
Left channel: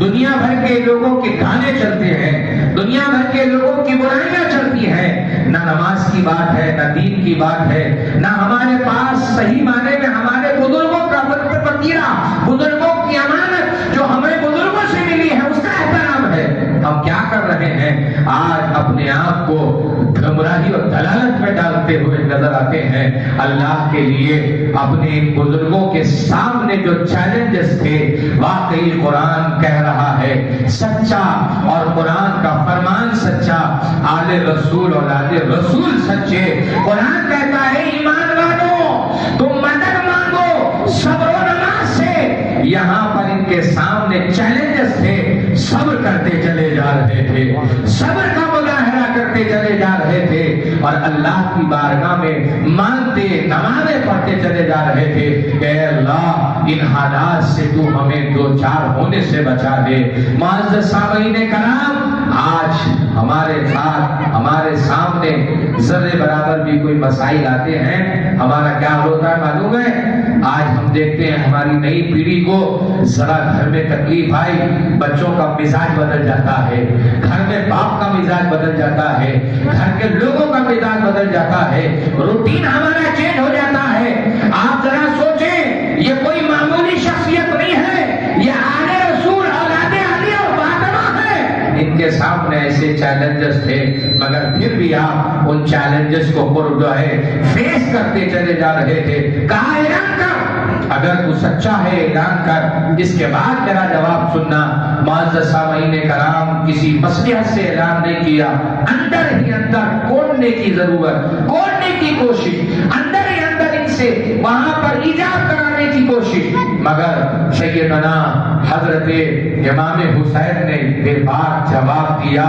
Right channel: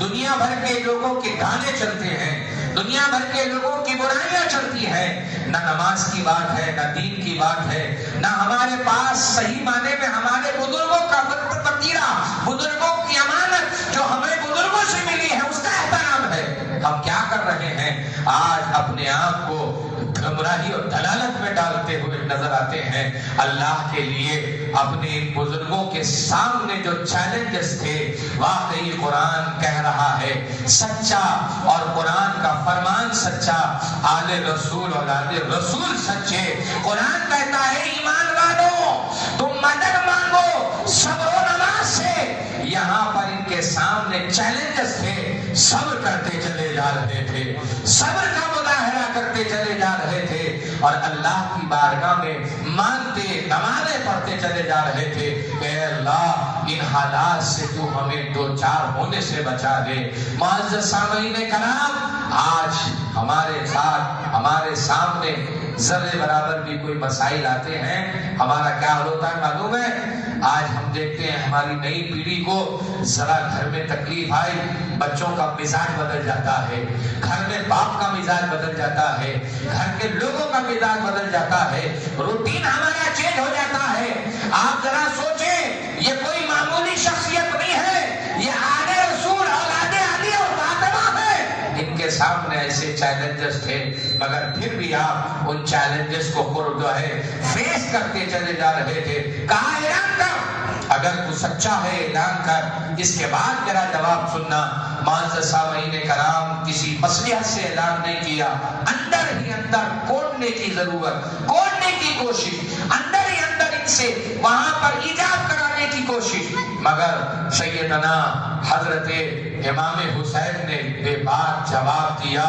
دنیا بھر کے لوگوں کے گانے چلتے ہیں، دنیا بھر کے لوگوں کی برائیاں چلتی ہیں، نہ نماز کی بات ہے، نہ دین کی بات ہے، نہ ہمارے پاس صحیح معنی میں ہمارے بزرگوں کا وطیرہ، بزرگوں کی امانت جو ہمیں بزرگوں سے ملی ہے اس کا احترام ہے۔ ہم کیا کر رہے ہیں؟ آج اپنے آپ کو گمراہی اور دلالت میں ڈالتے ہوئے نظر آتے ہیں۔ اللہ کے لیے اپنے ان بزرگوں کے سامنے جو چیلنجز تھے، واقعی قرآن کہہ رہا ہے سچا، اور قرآن کا فرمان سچا، آل رسول اولاد رسول سچے۔ قرآن کہتا ہے ایمان والو تم مدد مانگو صبر و نماز سے۔ یہاں پر ان کے سامنے چیلنجز تھے، صبر کرتے چلے جا رہے تھے، صبر کا مظاہرہ کرتے چلے جا رہے تھے، اور اللہ کی بارگاہ میں مانگتے، نمازیں پڑھتے چلے جا رہے تھے کہ اے اللہ ان حالات سے تو ہمیں دو چار ہونے سے بچا دے۔ معزز سامعین کرام، آج ہمارے ساتھ ہمارے سامنے ذرے برابر بھی کوئی مسائل آتے ہیں، ہمارا کیا ہوتا ہے معلوم ہے؟ آج ہم دیکھتے ہیں ہماری نئی پیڑھی کو ذرا گھر میں تکلیف آئی، بچوں کا مزاج بدل جاتا ہے، گھر میں باپ کا مزاج بدل جاتا ہے، گھر کے لوگوں کا مزاج بدل جاتا ہے، روٹین ہمارا چینج ہو جاتا ہے۔ آپ ذرا سوچیں، یہ کوئی معمولی شخصیت نہیں ہے، یہ آل رسول اولاد علی اور فاطمہ ہے۔ ان کے سامنے ایسے چیلنجز تھے، مگر پھر بھی آپ ان چیلنجز کو جو ہے فیس کرتے چلے جا رہے تھے۔ کہا اعلان کر، اگر تو سچا ہے اعلان کر، اس کے بعد میرا جواب سننا۔ معزز سامعین کرام، کسی مصلحت سے اعلان نہیں کیا، اندر ہی اندر کھولنے کی ضرورت، کھولنے کی کوشش، اندر ہی اندر ان سے وہاں پر ایجاب کرانے کی کوشش، مگر سیدنا حضرت امام حسین نے بے بات جواب دیا۔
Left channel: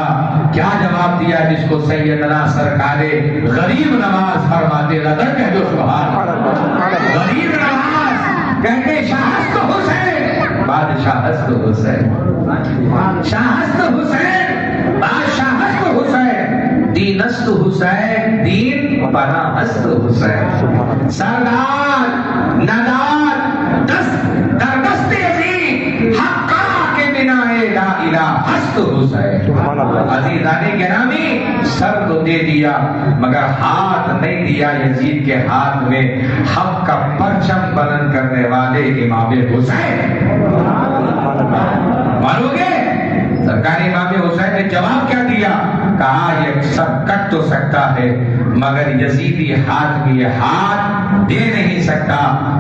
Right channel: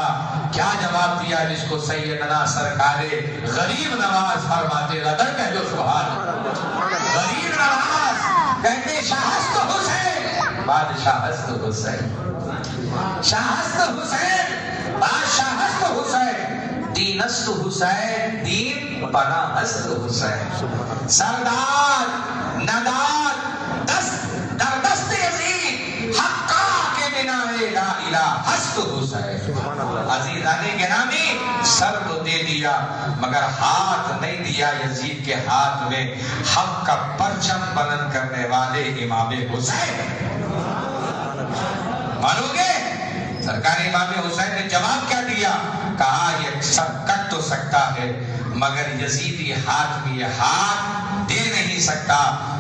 کیا جواب دیا؟ جس کو سیدنا سرکار غریب نواز فرماتے، لدر کہہ دو سبحان اللہ، غریب نواز کہتے شاہست حسین، بادشاہست حسین، شاہست حسین، بادشاہست حسین، دینست حسین، دین پناہست حسین، سردار ندار دست در دست عزیز حقا کے بنا لا الہ ہست حسین۔ عزیزان گرامی، سر تو دے دیا مگر ہاتھ نہیں دیا یزید کے ہاتھ میں حق کا پرچم بلند کرنے والے امام حسین۔ مانو گے؟ سرکار امام حسین نے جواب کیا دیا؟ کہا یہ سب کٹ تو سکتا ہے مگر یزیدی ہاتھ میں یہ ہاتھ دے نہیں سکتا۔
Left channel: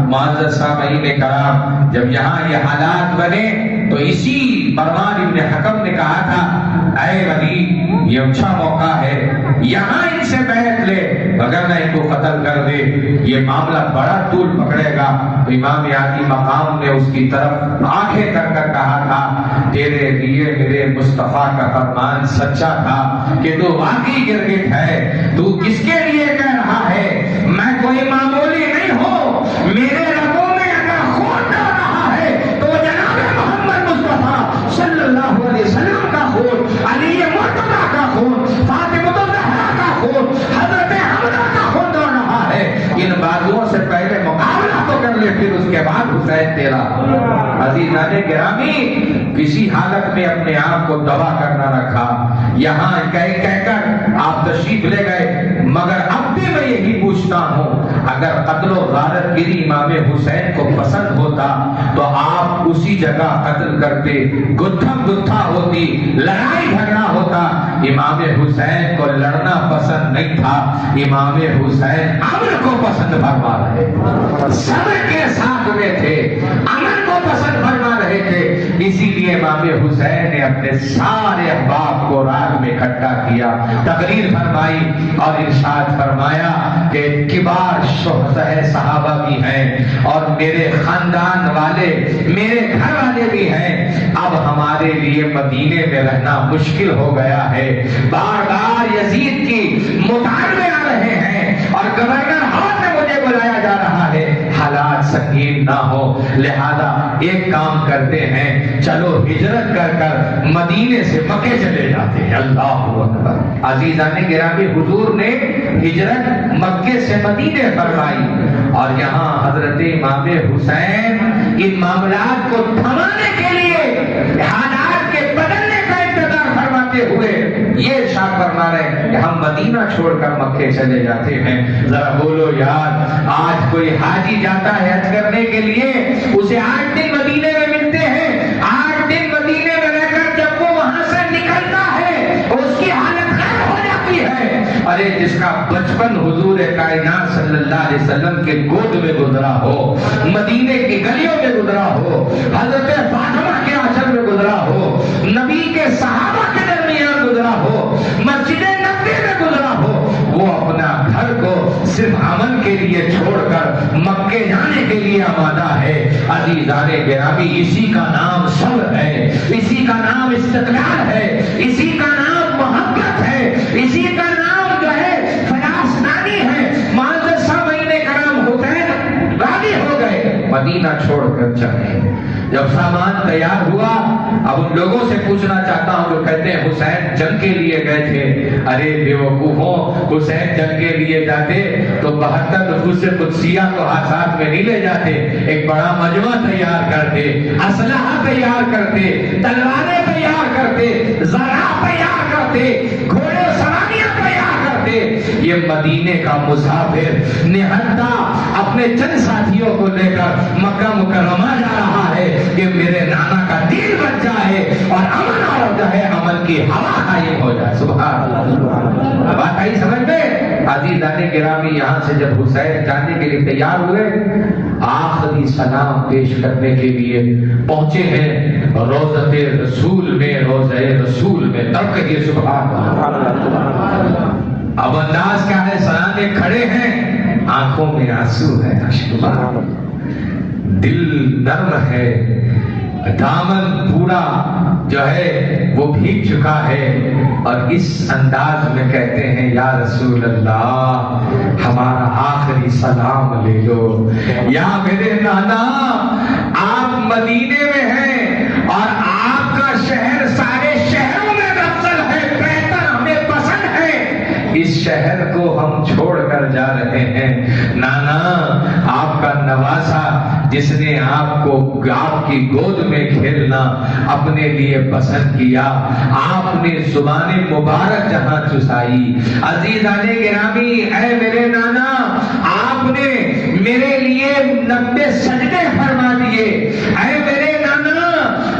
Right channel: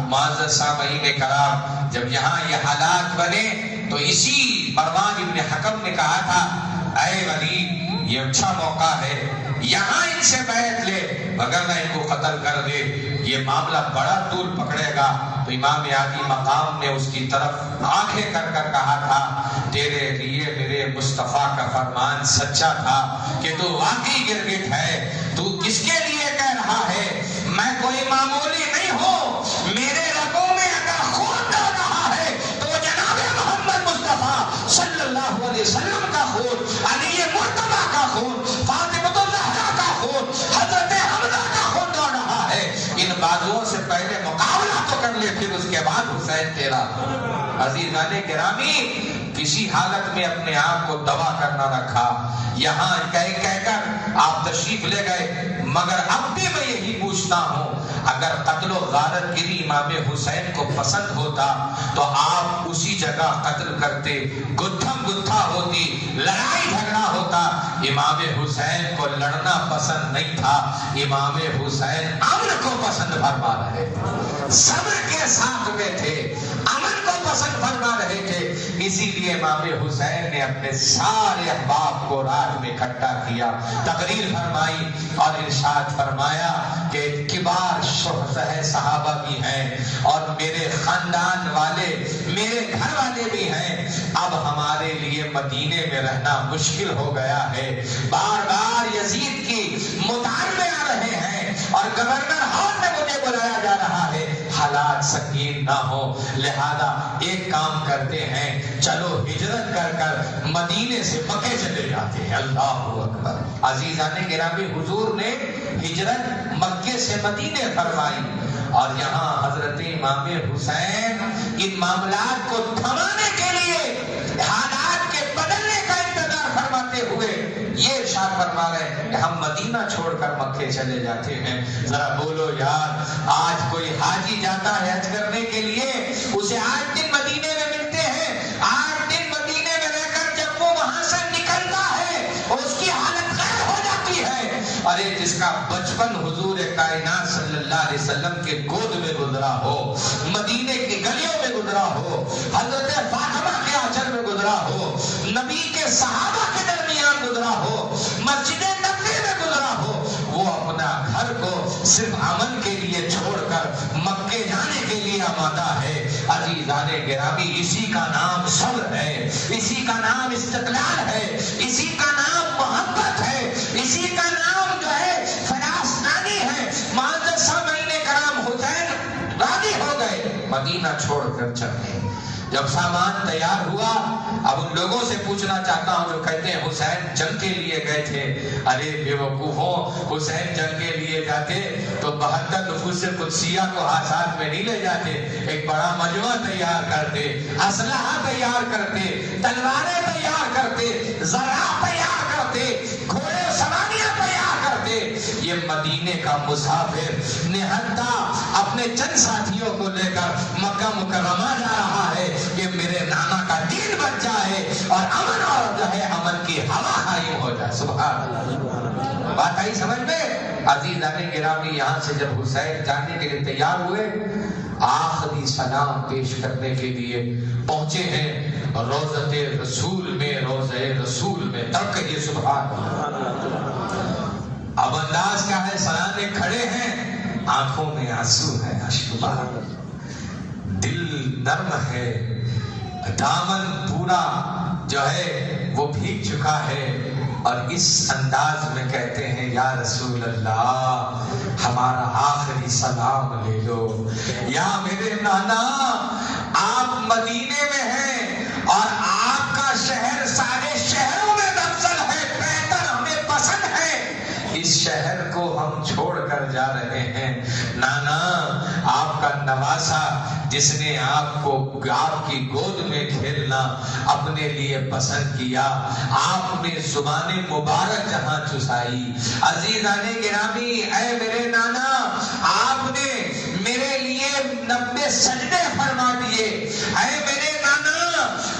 معزز سامعین کرام، جب یہاں یہ حالات بنے تو اسی مروان ابن حکم نے کہا تھا، اے ولی یہ اچھا موقع ہے، یہاں ان سے بیعت لے وگرنہ ان کو قتل کر دے، یہ معاملہ بڑا طول پکڑے گا۔ تو امام عالی مقام نے اس کی طرف آنکھیں کر کر کہا تھا، تیرے لیے میرے مصطفیٰ کا فرمان سچا تھا کہ تو واقعی گرگٹ ہے، تو کس کے لیے کہہ رہا ہے؟ میں کوئی معمولی نہیں ہوں، میرے رگوں میں اگر خون بہ رہا ہے تو جناب محمد مصطفیٰ صلی اللہ علیہ وسلم کا خون، علی مرتضیٰ کا خون، فاطمہ الزہرا کا خون، حضرت حمزہ کا خون دوڑ رہا ہے۔ ان بازوؤں سے پہلے مقابلہ تو کر لے، پھر اس کے بعد حسین تیرا۔ عزیزان گرامی، کسی حالت میں اپنے آپ کو دبا کرنا رکھا، یہاں کہہ کر آپ تشریف لے گئے، مگر اب بھی میں یہی پوچھتا ہوں، اگر قتل و غارت گری امام حسین کو پسند ہوتا تو آپ اسی جگہ قتل کرتے، گتھم گتھا ہوتی، لڑائی جھگڑا ہوتا۔ امام حسین کو لڑنا پسند نہیں تھا، امام حسین امن کو پسند فرما رہے تھے، صبر کے ساتھ میں تھے، امن کو پسند فرما رہے تھے۔ اسی لیے امام حسین نے اپنے سارے احباب کو رات میں اکٹھا کیا، تقریر فرمائی اور ارشاد فرمایا کہ کبار صحابہ بھی ہیں اور میرے خاندان والے، میرے گھر والے بھی ہیں، اب ہمارے لیے مدینے میں رہنا مشکل ہو گیا ہے، بار بار یزید کی مطالبے آ رہے ہیں اور گورنر ہاؤس میں مجھے بلایا جا رہا ہے، حالات سنگین نہ ہو، لہذا ایک کام کرتے ہیں، چلو ہجرت کر کر مدینے سے مکے چلے جاتے ہیں۔ اللہ اکبر۔ عزیزان گرامی، حضور نے ہجرت مکے سے مدینے فرمائی اور یہاں حضرت امام حسین ان معاملات کو تھمانے کے لیے، حالات کے بدلنے کا انتظار فرماتے ہوئے یہ ارشاد فرما رہے ہیں کہ ہم مدینہ چھوڑ کر مکے چلے جاتے ہیں۔ ذرا بولو یار، آج کوئی حاجی جاتا ہے حج کرنے کے لیے، اسے 8 دن مدینے میں ملتے ہیں، 8 دن مدینے میں رہ کر جب وہ وہاں سے نکلتا ہے اس کی حالت غیر ہو جاتی ہے۔ ارے جس کا بچپن حضور کائنات صلی اللہ علیہ وسلم کے گود میں گزرا ہو، مدینے کی گلیوں میں گزرا ہو، حضرت فاطمہ کے آنچل میں گزرا ہو، نبی کے صحابہ کے درمیان گزرا ہو، مسجد نبوی میں گزرا ہو، وہ اپنا گھر کو صرف عمل کے لیے چھوڑ کر مکے جانے کے لیے آمادہ ہے۔ عزیزان گرامی، اسی کا نام صبر ہے، اسی کا نام استقلال ہے، اسی کا نام محبت ہے، اسی کا نام جو ہے فلسطینی ہے۔ معزز سامعین کرام، حسین راضی ہو گئے، مدینہ چھوڑ کر چلے۔ جب سامان تیار ہوا، اب ان لوگوں سے پوچھنا چاہتا ہوں جو کہتے ہیں حسین جنگ کے لیے گئے تھے، ارے بیوقوفوں، حسین جنگ کے لیے جاتے تو 72 نفوس قدسیہ کو ساتھ میں نہیں لے جاتے، ایک بڑا مجمع تیار کرتے، اسلحہ تیار کرتے، تلواریں تیار کرتے، زرع تیار کرتے، گھوڑے سواریاں تیار کرتے۔ یہ مدینے کا مسافر نہتا اپنے چند ساتھیوں کو لے کر مکہ مکرمہ جا رہا ہے کہ میرے نانا کا دین بچ جائے اور امن اور جو ہے امن کی ہوا قائم ہو جائے۔ سبحان اللہ، بات آئی سمجھ میں؟ عزیزان گرامی، یہاں سے جب حسین جانے کے لیے تیار ہوئے، آخری سلام پیش کرنے کے لیے پہنچے ہیں روضۃ رسول میں، روضہ رسول میں، تب کہیے سبحان اللہ۔ اب انداز کیا ہے؟ سلانے کھڑے ہیں، آنکھوں میں آنسو ہے، اشکبار، دل نرم ہے، دامن پورا جو ہے وہ بھیگ چکا ہے، اور اس انداز میں کہتے ہیں یا رسول اللہ ہمارا آخری سلام لے لو۔ یا میرے نانا، آپ مدینے میں ہیں اور آپ کا شہر سارے شہروں میں افضل ہے، بہتر، ہمیں پسند ہے، اس شہر کو ہم چھوڑ کر جا رہے ہیں۔ نانا، آپ کا نواسا جس نے آپ کو آپ کی گود میں کھیلنا اپنے لیے پسند کیا، آپ نے زبان مبارک جہاں چسائی، عزیزان گرامی، اے میرے نانا، آپ نے میرے لیے 90 سجدے فرما دیے۔ اے میرے نانا،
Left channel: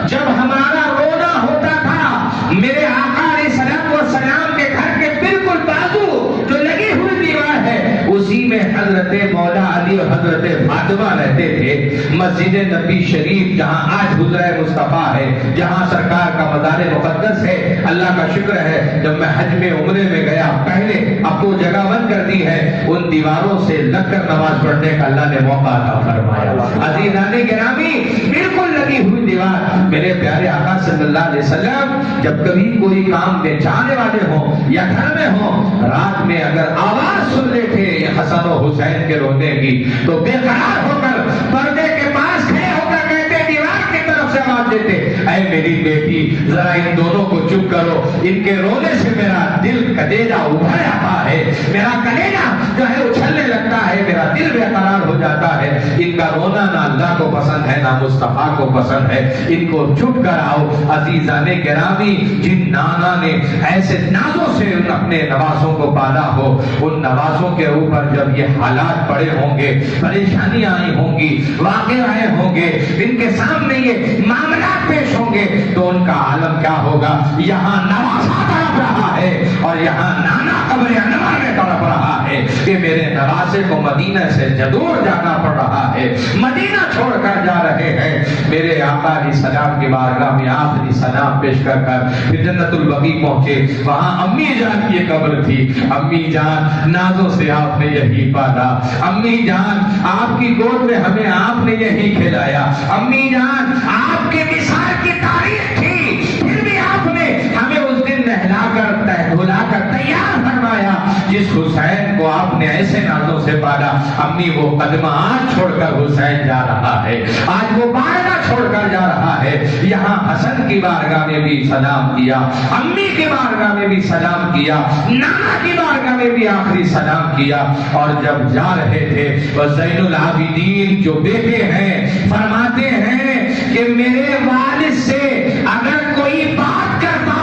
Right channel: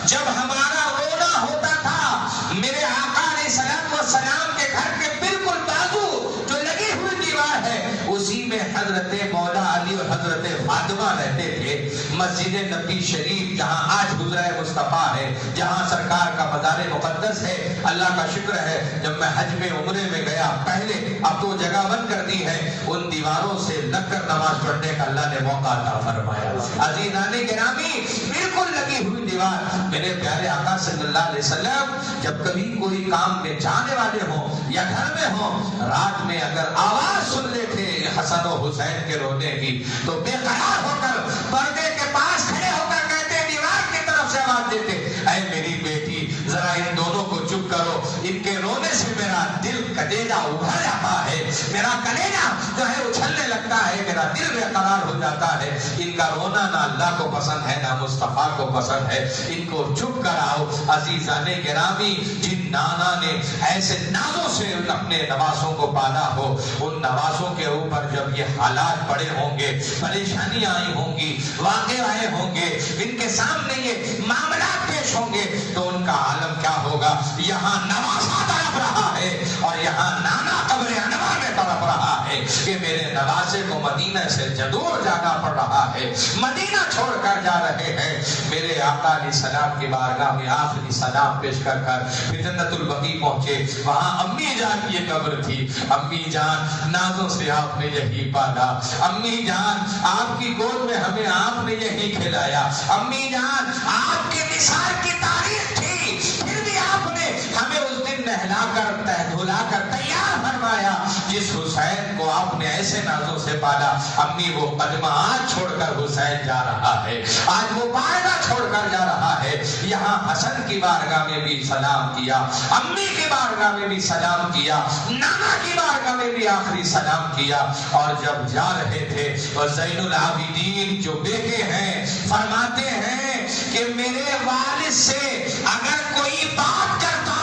جب ہمارا رونا ہوتا تھا، میرے آقا علیہ السلام والسلام کے گھر کے بالکل بازو جو لگی ہوئی دیوار ہے، اسی میں حضرت مولا علی اور حضرت فاطمہ رہتے تھے۔ مسجد نبی شریف جہاں آج حجرہ مصطفیٰ ہے، جہاں سرکار کا مزار مقدس ہے، اللہ کا شکر ہے جب میں حج میں عمرے میں گیا، پہلے اب تو جگہ بند کر دی ہے، ان دیواروں سے لگ کر نماز پڑھنے کا اللہ نے موقع عطا فرمایا۔ عزیزان گرامی، بالکل لگی ہوئی دیوار، میرے پیارے آقا صلی اللہ علیہ وسلم جب کبھی کوئی کام میں جانے والے ہوں یا گھر میں ہوں، رات میں اگر آواز سن لیتے حسن و حسین کے رونے کی تو بے قرار ہو کر پردے کے پاس کھڑے ہو کر کہتے، دیوار کی طرف سے آواز دیتے، اے میری بیٹی ذرا ان دونوں کو چپ کرو، ان کے رونے سے میرا دل کلیجہ ابھر جاتا ہے، میرا کلیجہ جو ہے اچھلنے لگتا ہے، میرا دل بے قرار ہو جاتا ہے، ان کا رونا نہ اللہ کو پسند ہے نہ مصطفیٰ کو پسند ہے، ان کو چپ کراؤ۔ عزیزان گرامی، جن نانا نے ایسے نازوں سے اپنے نواسوں کو پالا ہو، ان نواسوں کے اوپر جب یہ حالات پڑے ہوں گے، پریشانیاں آئی ہوں گی، واقع آئے ہوں گے، ان کے سامنے یہ معاملات پیش ہوں گے، تو ان کا عالم کیا ہوگا؟ یہاں نواسا تڑپ رہا ہے اور یہاں نانا قبر انور میں تڑپ رہا ہے کہ میرے نواسے کو مدینہ سے جدور جانا پڑ رہا ہے، مدینہ چھوڑ کر جا رہے ہیں۔ میرے آقا علیہ السلام کی بارگاہ میں آخری سلام پیش کر پھر جنت البقیع پہنچے، وہاں امی جان کی قبر تھی۔ امی جان، نازوں سے آپ نے یہی پالا، امی جان آپ کی گود میں ہمیں آپ نے یہی کھلایا، امی جان آپ کے وصال کی تاریخ تھی، پھر بھی آپ نے ہمیں اس دن نہلا کر دھلا کر تیار فرمایا۔ جس حسین کو آپ نے ایسے نازوں سے پالا، امی وہ قدمہ آج چھوڑ کر حسین جا رہا ہے، آج وہ بارگاہ چھوڑ کر جا رہا ہے۔ یہاں حسن کی بارگاہ میں بھی سلام کیا، امی کی بارگاہ میں بھی سلام کیا، نانا کی بارگاہ میں بھی آخری سلام کیا، اور جب جا رہے تھے وہ زین العابدین جو بیٹے ہیں فرماتے ہیں کہ میرے والد سے اگر کوئی بات کرتا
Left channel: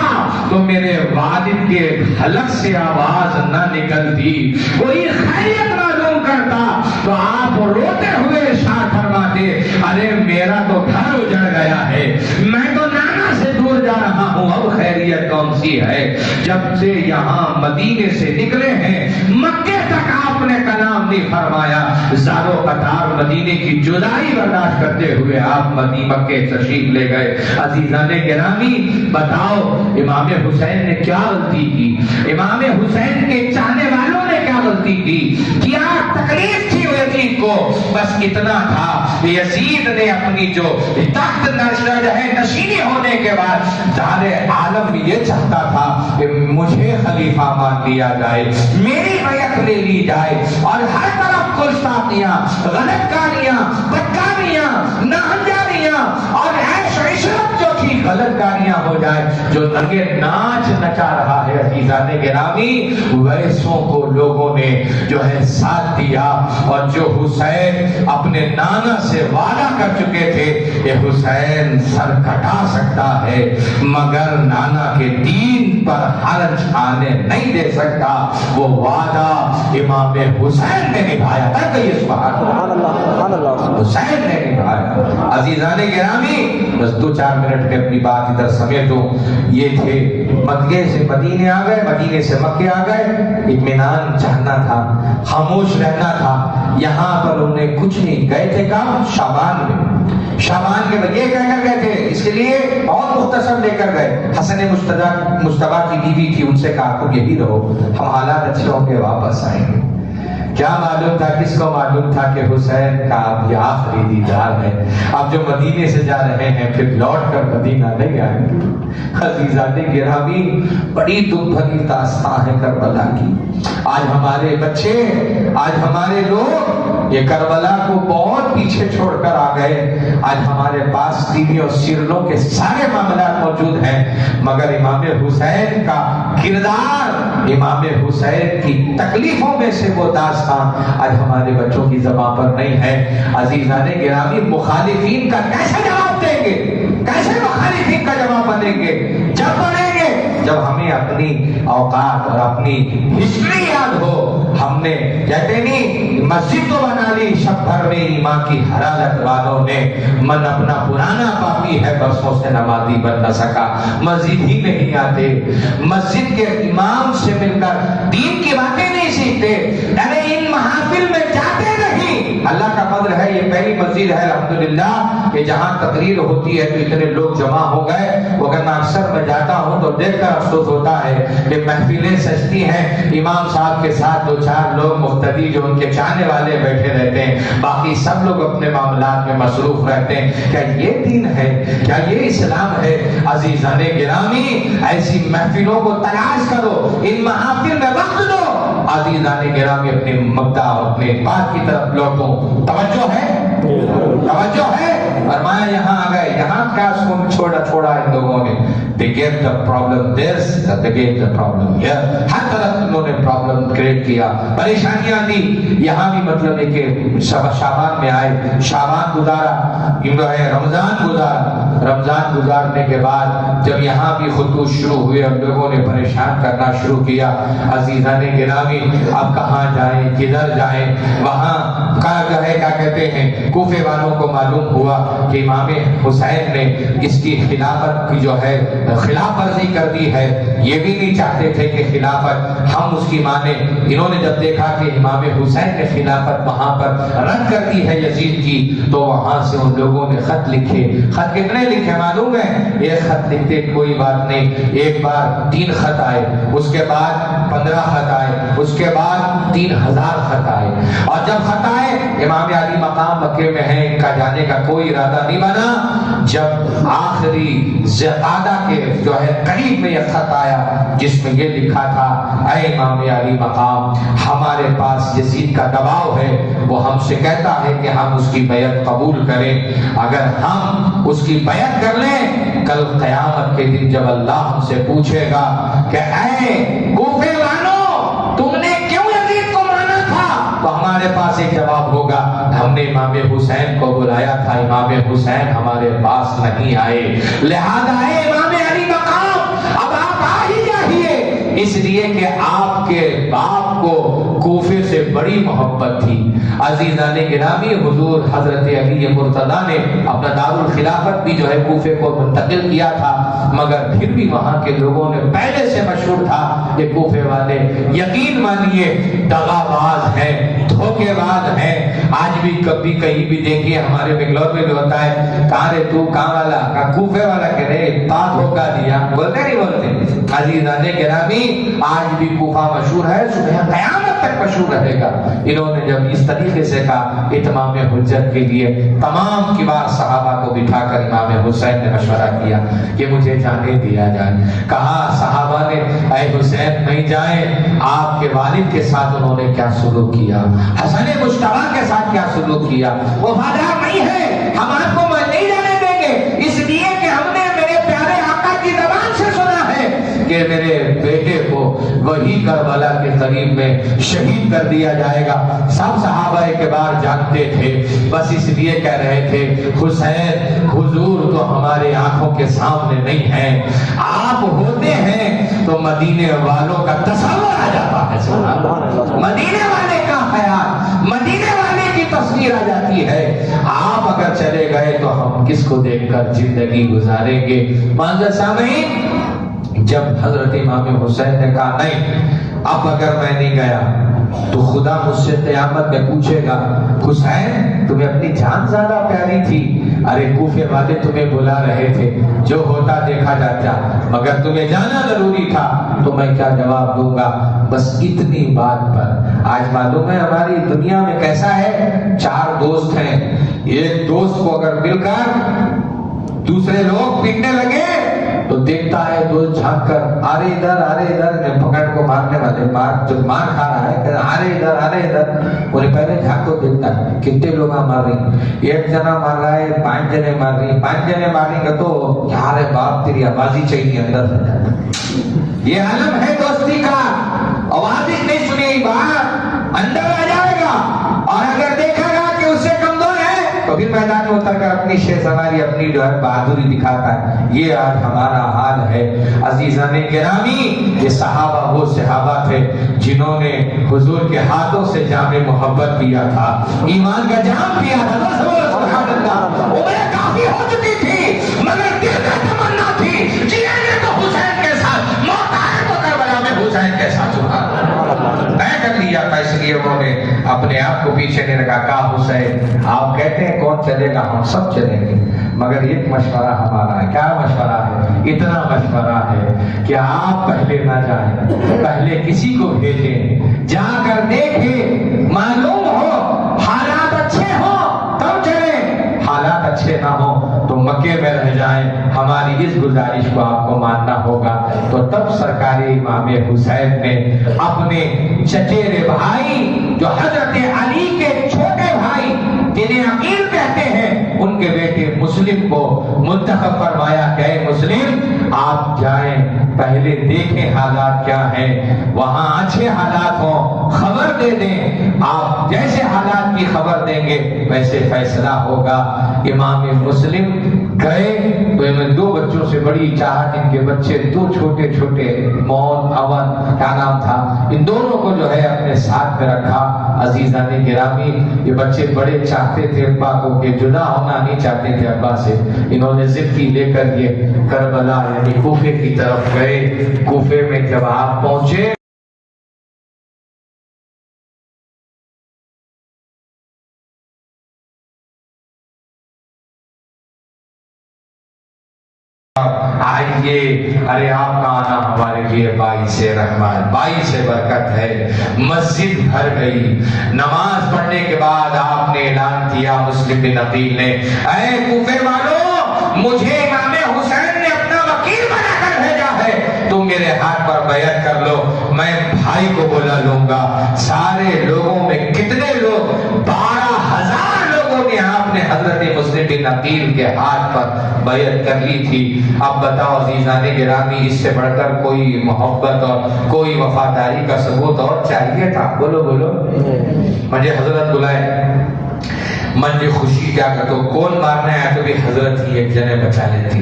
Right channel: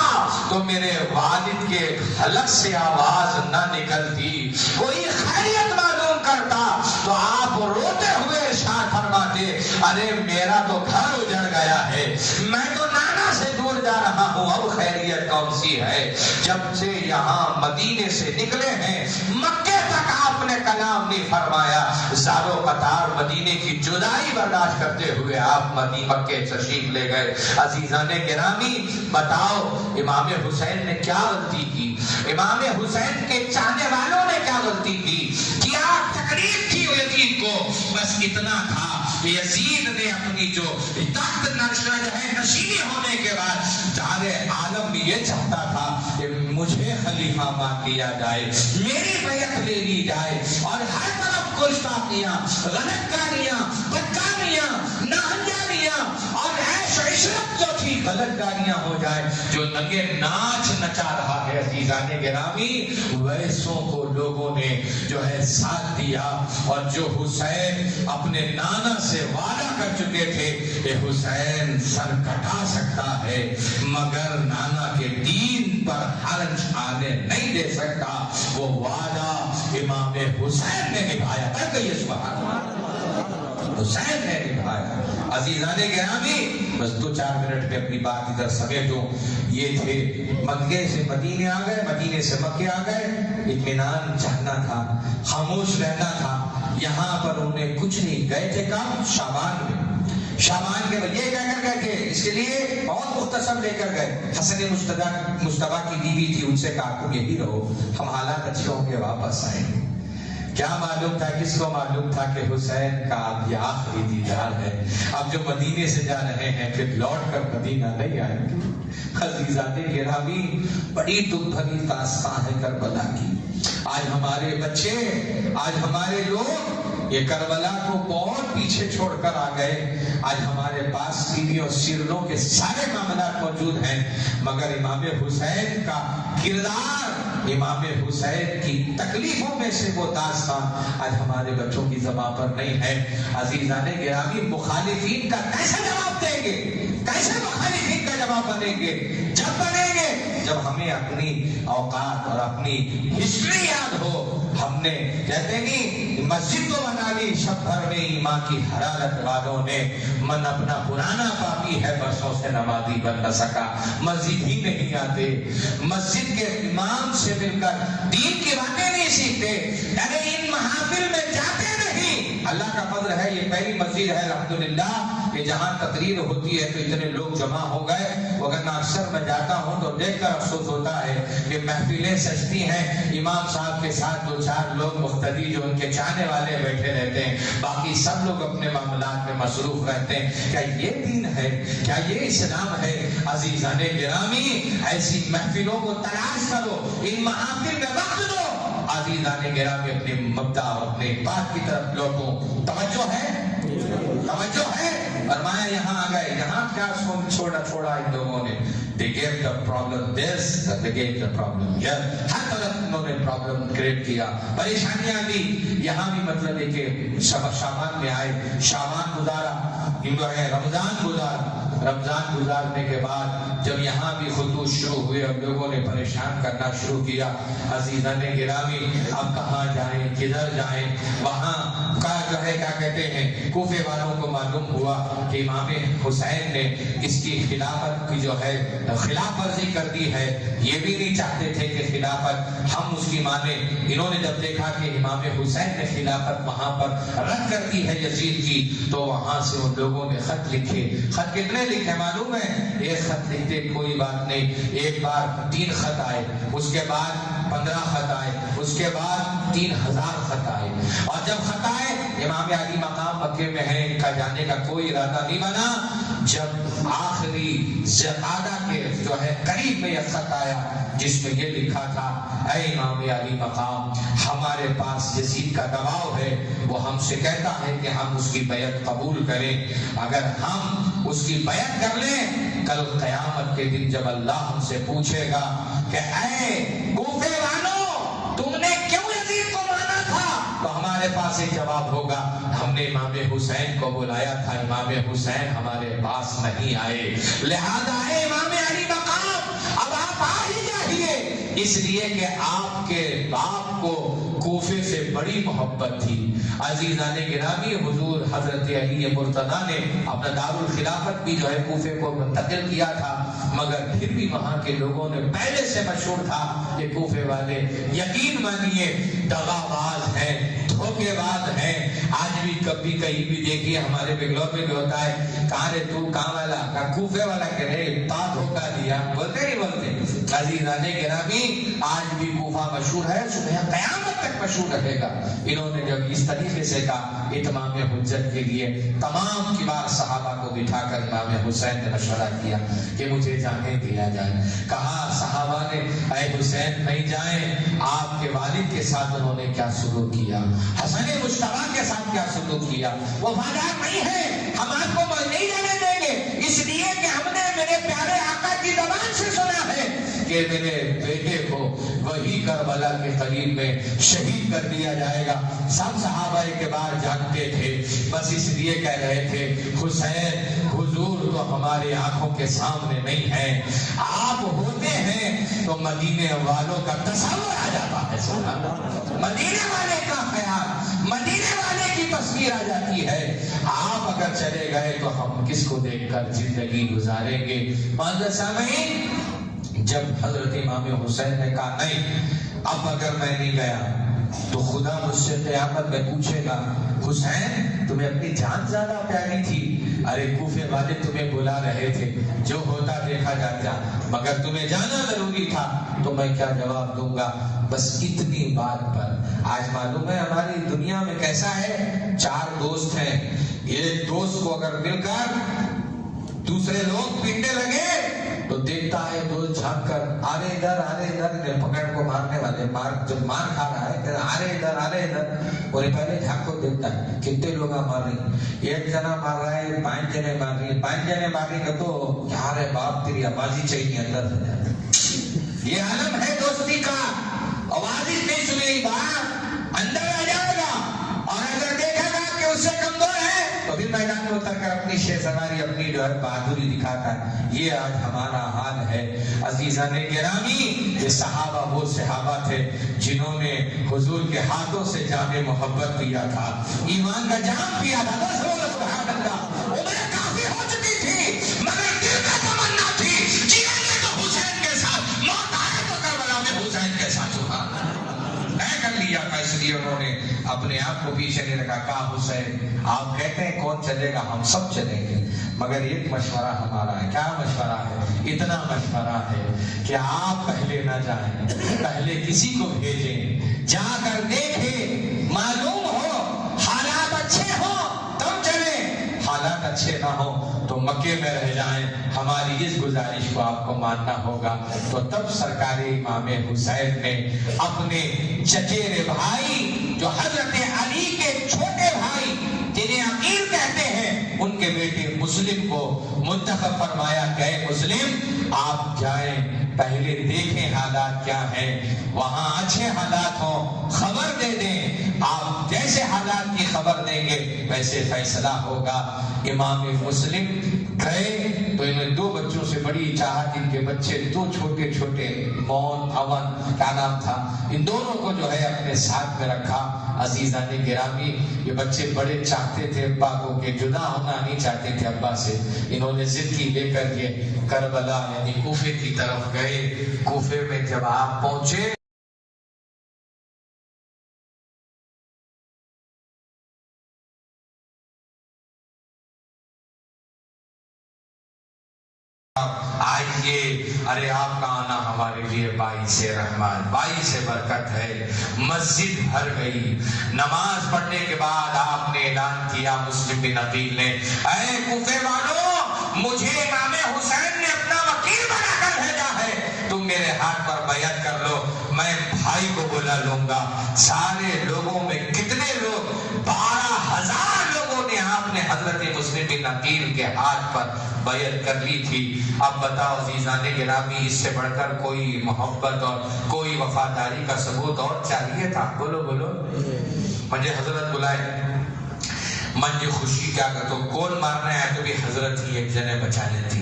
تو میرے والد کے حلق سے آواز نہ نکلتی، کوئی خیریت معلوم کرتا تو آپ روتے ہوئے ارشاد فرماتے، ارے میرا تو گھر اجڑ گیا ہے، میں تو نانا سے دور جا رہا ہوں، اب خیریت کون سی ہے؟ جب سے یہاں مدینے سے نکلے ہیں مکے تک آپ نے کلام نہیں فرمایا، زارو قطار مدینے کی جدائی برداشت کرتے ہوئے آپ مکے تشریف لے گئے۔ عزیزان گرامی، بتاؤ امام حسین نے کیا غلطی کی؟ امام حسین کے چاہنے والوں نے کیا غلطی کی؟ کیا تکلیف تھی یزید کو؟ بس اتنا تھا، یزید نے اپنی جو تخت نشینی ہونے کے بعد سارے عالم یہ چاہتا تھا کہ مجھے خلیفہ مان لیا جائے، میری بیعت لے لی جائے، اور ہر طرف گستاخیاں، غلط کاریاں، بدکاریاں، ناہنجاریاں اور جو ننگے ناچ نچا رہا ہے عزیزان گرامی، ویسوں کو لوگوں نے جو ہے ساتھ دیا، اور جو حسین اپنے نانا سے وعدہ کر چکے تھے کہ حسین سر کٹا سکتا ہے مگر نانا کے دین پر حرج آنے نہیں دے سکتا، وہ وعدہ امام حسین نے نبھایا تھا کہ یہ سبحان اللہ حسین نے نبھایا۔ عزیزان گرامی، بس 2-4 منٹ میں اپنی بات ادھر سمیٹوں۔ یہ تھے مکے سے مدینے آ گئے، مدینے سے مکے آ گئے، اطمینان چاہنا تھا، خاموش رہنا تھا۔ یہاں پر انہیں کچھ نہیں، گئے تھے کہاں؟ شعبان میں، شعبان کے بجے کہہ کر گئے تھے، اس کے لیے اور مختصر لے کر گئے۔ حسن مجتبیٰ کی بیوی تھی، ان سے کہا تم یہی رہو، ہم حالات اچھے ہوں گے واپس آئیں گے۔ کیا معلوم تھا، کس کو معلوم تھا کہ حسین کا اب یہ آخری دیدار ہے، اب جو مدینے سے جا رہے ہیں پھر لوٹ کر مدینہ نہیں آئیں گے۔ عزیزان گرامی، بڑی دکھ بھری داستان ہے کربلا کی۔ آج ہمارے بچے، آج ہمارے لوگ یہ کربلا کو بہت پیچھے چھوڑ کر آ گئے۔ آج ہمارے پاس ٹی وی اور سیریلوں کے سارے معاملات موجود ہیں، مگر امام حسین کا کردار، امام حسین کی تکلیفوں میں سے وہ داستان آج ہمارے بچوں کی زبان پر نہیں ہے۔ عزیزان گرامی، مخالفین کا کیسے جواب دیں گے؟ کیسے مخالفین کا جواب بنیں گے؟ جب بنیں گے جب ہمیں اپنی اوقات اور اپنی ہسٹری یاد ہو۔ ہم نے کہتے نہیں، مسجد تو بنا لی شب بھر میں ایمان کی حرارت والوں نے، من اپنا پرانا پاپی ہے برسوں سے نمازی بن نہ سکا۔ مسجد ہی نہیں آتے، مسجد کے امام سے مل کر دین کی باتیں نہیں سیکھتے، ارے ان محافل میں جاتے نہیں۔ اللہ کا فضل ہے، یہ پہلی مسجد ہے الحمدللہ کہ جہاں تقریر ہوتی ہے تو اتنے لوگ جمع ہو گئے۔ اگر میں اکثر میں جاتا ہوں تو دیکھ کر افسوس ہوتا ہے کہ محفلیں سجتی ہیں، امام صاحب کے ساتھ 2-4 لوگ مقتدی جو ان کے چاہنے والے بیٹھے رہتے ہیں، باقی سب لوگ اپنے معاملات میں مصروف رہتے ہیں۔ کیا یہ دین ہے؟ کیا یہ اسلام ہے؟ عزیزان گرامی، ایسی محفلوں کو تلاش کرو، ان محافل میں وقت دو۔ عزیزان گرامی، اپنے مبدا اور اپنے بات کی طرف لوٹو۔ توجہ ہے؟ توجہ ہے؟ فرمایا یہاں آ گئے، یہاں کیا چھوڑا ان لوگوں نے؟ they get the problem this, that they get the problem here. ہر طرف انہوں نے پرابلم کریٹ کیا، پریشانیاں دی۔ یہاں بھی مطلب ہے کہ شعبان میں آئے، شعبان گزارا، رمضان گزارا۔ رمضان گزارنے کے بعد جب یہاں بھی خطوط شروع ہوئے اور لوگوں نے پریشان کرنا شروع کیا، عزیزان گرامی، اب کہاں جائیں، کدھر جائیں؟ وہاں کا جو ہے کیا کہتے ہیں، کوفے والوں کو معلوم ہوا کہ امام حسین نے اس کی خلافت کی جو ہے خلاف ورزی کر دی ہے، یہ بھی نہیں چاہتے تھے کہ خلافت ہم اس کی مانیں۔ انہوں نے جب دیکھا کہ امام حسین نے خلافت وہاں پر رد کر دی ہے یزید کی، تو وہاں سے ان لوگوں نے خط لکھے۔ خط کتنے لکھے معلوم ہے؟ ایک خط لکھتے کوئی بات نہیں، ایک بار 3 خط آئے، اس کے بعد 15 خط آئے، اس کے بعد 3000 خط آئے۔ اور جب خط آئے، امام علی مقام مکے میں ہیں، ان کا جانے کا کوئی ارادہ نہیں بنا۔ جب آخری زقادہ کے جو ہے قریب میں یہ خط آیا جس میں یہ لکھا تھا، اے امام علی مقام، ہمارے پاس یزید کا دباؤ ہے، وہ ہم سے کہتا ہے کہ ہم اس کی بیعت قبول کریں۔ اگر ہم اس کی بیعت کر لیں، کل قیامت کے دن جب اللہ ہم سے پوچھے گا کہ اے کوفے والوں، تم نے کیوں یزید کو مانا تھا، تو ہمارے پاس ایک جواب ہوگا، ہم نے امام حسین کو بلایا تھا، امام حسین ہمارے پاس نہیں آئے، لہذا اے امام علی مقام، اب آپ آ ہی جائیے، اس لیے کہ آپ کے باپ کو کوفے سے بڑی محبت تھی۔ عزیزان گرامی، حضور حضرت علی مرتضیٰ نے اپنا دارالخلافت بھی جو ہے کوفے کو منتقل کیا تھا، مگر پھر بھی وہاں کے لوگوں نے پہلے سے مشہور تھا کہ کوفے والے یقین مانیے دغا باز ہیں، دھوکے باز ہیں۔ آج بھی کبھی کہیں بھی دیکھیے، ہمارے بنگلور میں بھی ہوتا ہے، کہاں رے تو، کہاں والا، کہاں کوفے والا، کہہ رہے تا دھوکا دیا، بولتے نہیں بولتے؟ عزیزان گرامی، آج بھی کوفہ مشہور ہے، صبح قیامت تک مشہور رہے گا۔ انہوں نے جب اس طریقے سے کہا، اتمام حجت کے لیے تمام کبار صحابہ کو بٹھا کر امام حسین نے مشورہ کیا کہ مجھے جانے دیا جائے۔ کہا صحابہ نے، اے حسین نہیں جائیں، آپ کے والد کے ساتھ انہوں نے کیا سلوک کیا، حسن مجتبیٰ کے ساتھ کیا سلوک کیا، وفادار نہیں ہے، ہم آپ کو نہیں جانے دیں گے، اس لیے کہ ہم نے میرے پیارے آقا کی زبان سے سنا وہی کربلا کے قریب میں شہید کر دیا جائے گا۔ سب صحابہ کبار جانتے تھے، بس اس لیے کہہ رہے تھے حسین حضور تو ہمارے آنکھوں کے سامنے نہیں ہیں، آپ ہوتے ہیں تو مدینے والوں کا تصور آ جاتا ہے، سبحان اللہ، مدینے والے کا خیال، مدینے والے کی تصویر آ جاتی ہے۔ آپ اگر چلے گئے تو ہم کس کو دیکھ کر زندگی گزاریں گے؟ معزز سامعین، جب حضرت امام حسین نے کہا نہیں، اب اگر میں نہیں گیا تو خدا مجھ سے قیامت میں پوچھے گا حسین تمہیں اپنی جان زیادہ پیاری تھی، ارے کوفے والے تمہیں بلا رہے تھے، جو ہوتا دیکھا جاتا، مگر تمہیں جانا ضروری تھا، تو میں کیا جواب دوں گا؟ بس اتنی بات پر آج معلوم ہے ہماری دنیا میں کیسا ہے، چار دوست ہیں، ایک دوست کو اگر مل کر دوسرے لوگ پیٹنے لگے تو دیکھتا ہے دوست جھانک کر آرے ادھر نے پکڑ کو مارنے والے جو مار کھا رہا ہے کہ آرے ادھر انہیں پہلے جھانک کو دیکھتا ہے کتنے لوگ مار رہی، ایک جنا مار رہا ہے، 5 جنے مار رہی، 5 جنے ماریں گے تو کیا رے باپ تیری آوازی چاہیے اندر سے جاتا۔ یہ عالم ہے دوستی کا، آواز نہیں سنی بات اندر آ جائے گا، اور اگر دیکھا گا کہ اس سے کمزور ہے تو پھر میدان میں اتر کر اپنی شیر سواری اپنی جو ہے بہادری دکھاتا ہے۔ یہ آج ہمارا حال ہے۔ عزیزان گرامی، یہ صحابہ وہ صحابہ تھے جنہوں نے حضور کے ہاتھوں سے جام محبت پیا تھا، ایمان کا جام پیا تھا۔ سبحان اللہ، عمریں کافی ہو چکی تھی مگر دل میں تمنا تھی جینے تو حسین کے ساتھ، موت آئے تو کربلا میں حسین کے ساتھ۔ سبحان اللہ، طے کر لیا تھا، اس لیے انہوں نے اپنے آپ کو پیچھے نہیں رکھا، کہا حسین آپ کہتے ہیں کون چلے گا، ہم سب چلیں گے، مگر ایک مشورہ ہمارا ہے۔ کیا مشورہ ہے؟ اتنا مشورہ ہے کہ آپ پہلے نہ جائیں، پہلے کسی کو بھیجیں، جا کر دیکھیں، معلوم ہو حالات اچھے ہوں تب چلیں، حالات اچھے نہ ہوں تو مکے میں رہ جائیں، ہماری اس گزارش کو آپ کو ماننا ہوگا۔ تو تب سرکار امام حسین نے اپنے چچیرے بھائی جو حضرت علی کے چھوٹے بھائی جنہیں عقیل کہتے ہیں، ان کے بیٹے مسلم کو منتخب فرمایا کہ اے مسلم آپ جائیں، پہلے دیکھیں حالات کیا ہیں، وہاں اچھے حالات ہوں خبر دے دیں، آپ جیسے حالات کی خبر دیں گے ویسے فیصلہ ہوگا۔ امام مسلم گئے تو انہیں 2 بچوں سے بڑی چاہت، ان کے بچے 2 چھوٹے چھوٹے، مون اون کیا نام تھا، ان دونوں کو جو ہے اپنے ساتھ میں رکھا۔ عزیزان گرامی، یہ بچے بڑے چاہتے تھے ابا کو، کہ جدا ہونا نہیں چاہتے تھے ابا سے، انہوں نے ضد کی، لے کر یہ کربلا یعنی کوفے کی طرف گئے۔ کوفے میں جب آپ پہنچے آئیے، ارے آپ کا آنا ہمارے لیے باعث رحمت، باعث برکت ہے۔ مسجد بھر گئی، نماز پڑھنے کے بعد آپ نے اعلان کیا، مسلم بن عقیل نے، اے کوفے والوں، مجھے امام حسین نے اپنا وکیل بنا کر بھیجا ہے، تم میرے ہاتھ پر بیعت کر لو، میں بھائی کو بلا لوں گا۔ سارے لوگوں میں کتنے لوگ؟ 12,000 لوگوں نے آپ نے حضرت مسلم بن عقیل کے ہاتھ پر بیعت کر لی تھی۔ اب بتاؤ عزیزان گرامی، اس سے بڑھ کر کوئی محبت اور کوئی وفاداری کا ثبوت اور چاہیے تھا؟ بولو بولو، مجھے حضرت بلائے، مجھے خوشی کیا کہ کون مارنے آیا تو بھی حضرت ہی ایک جنے بچا لیتی۔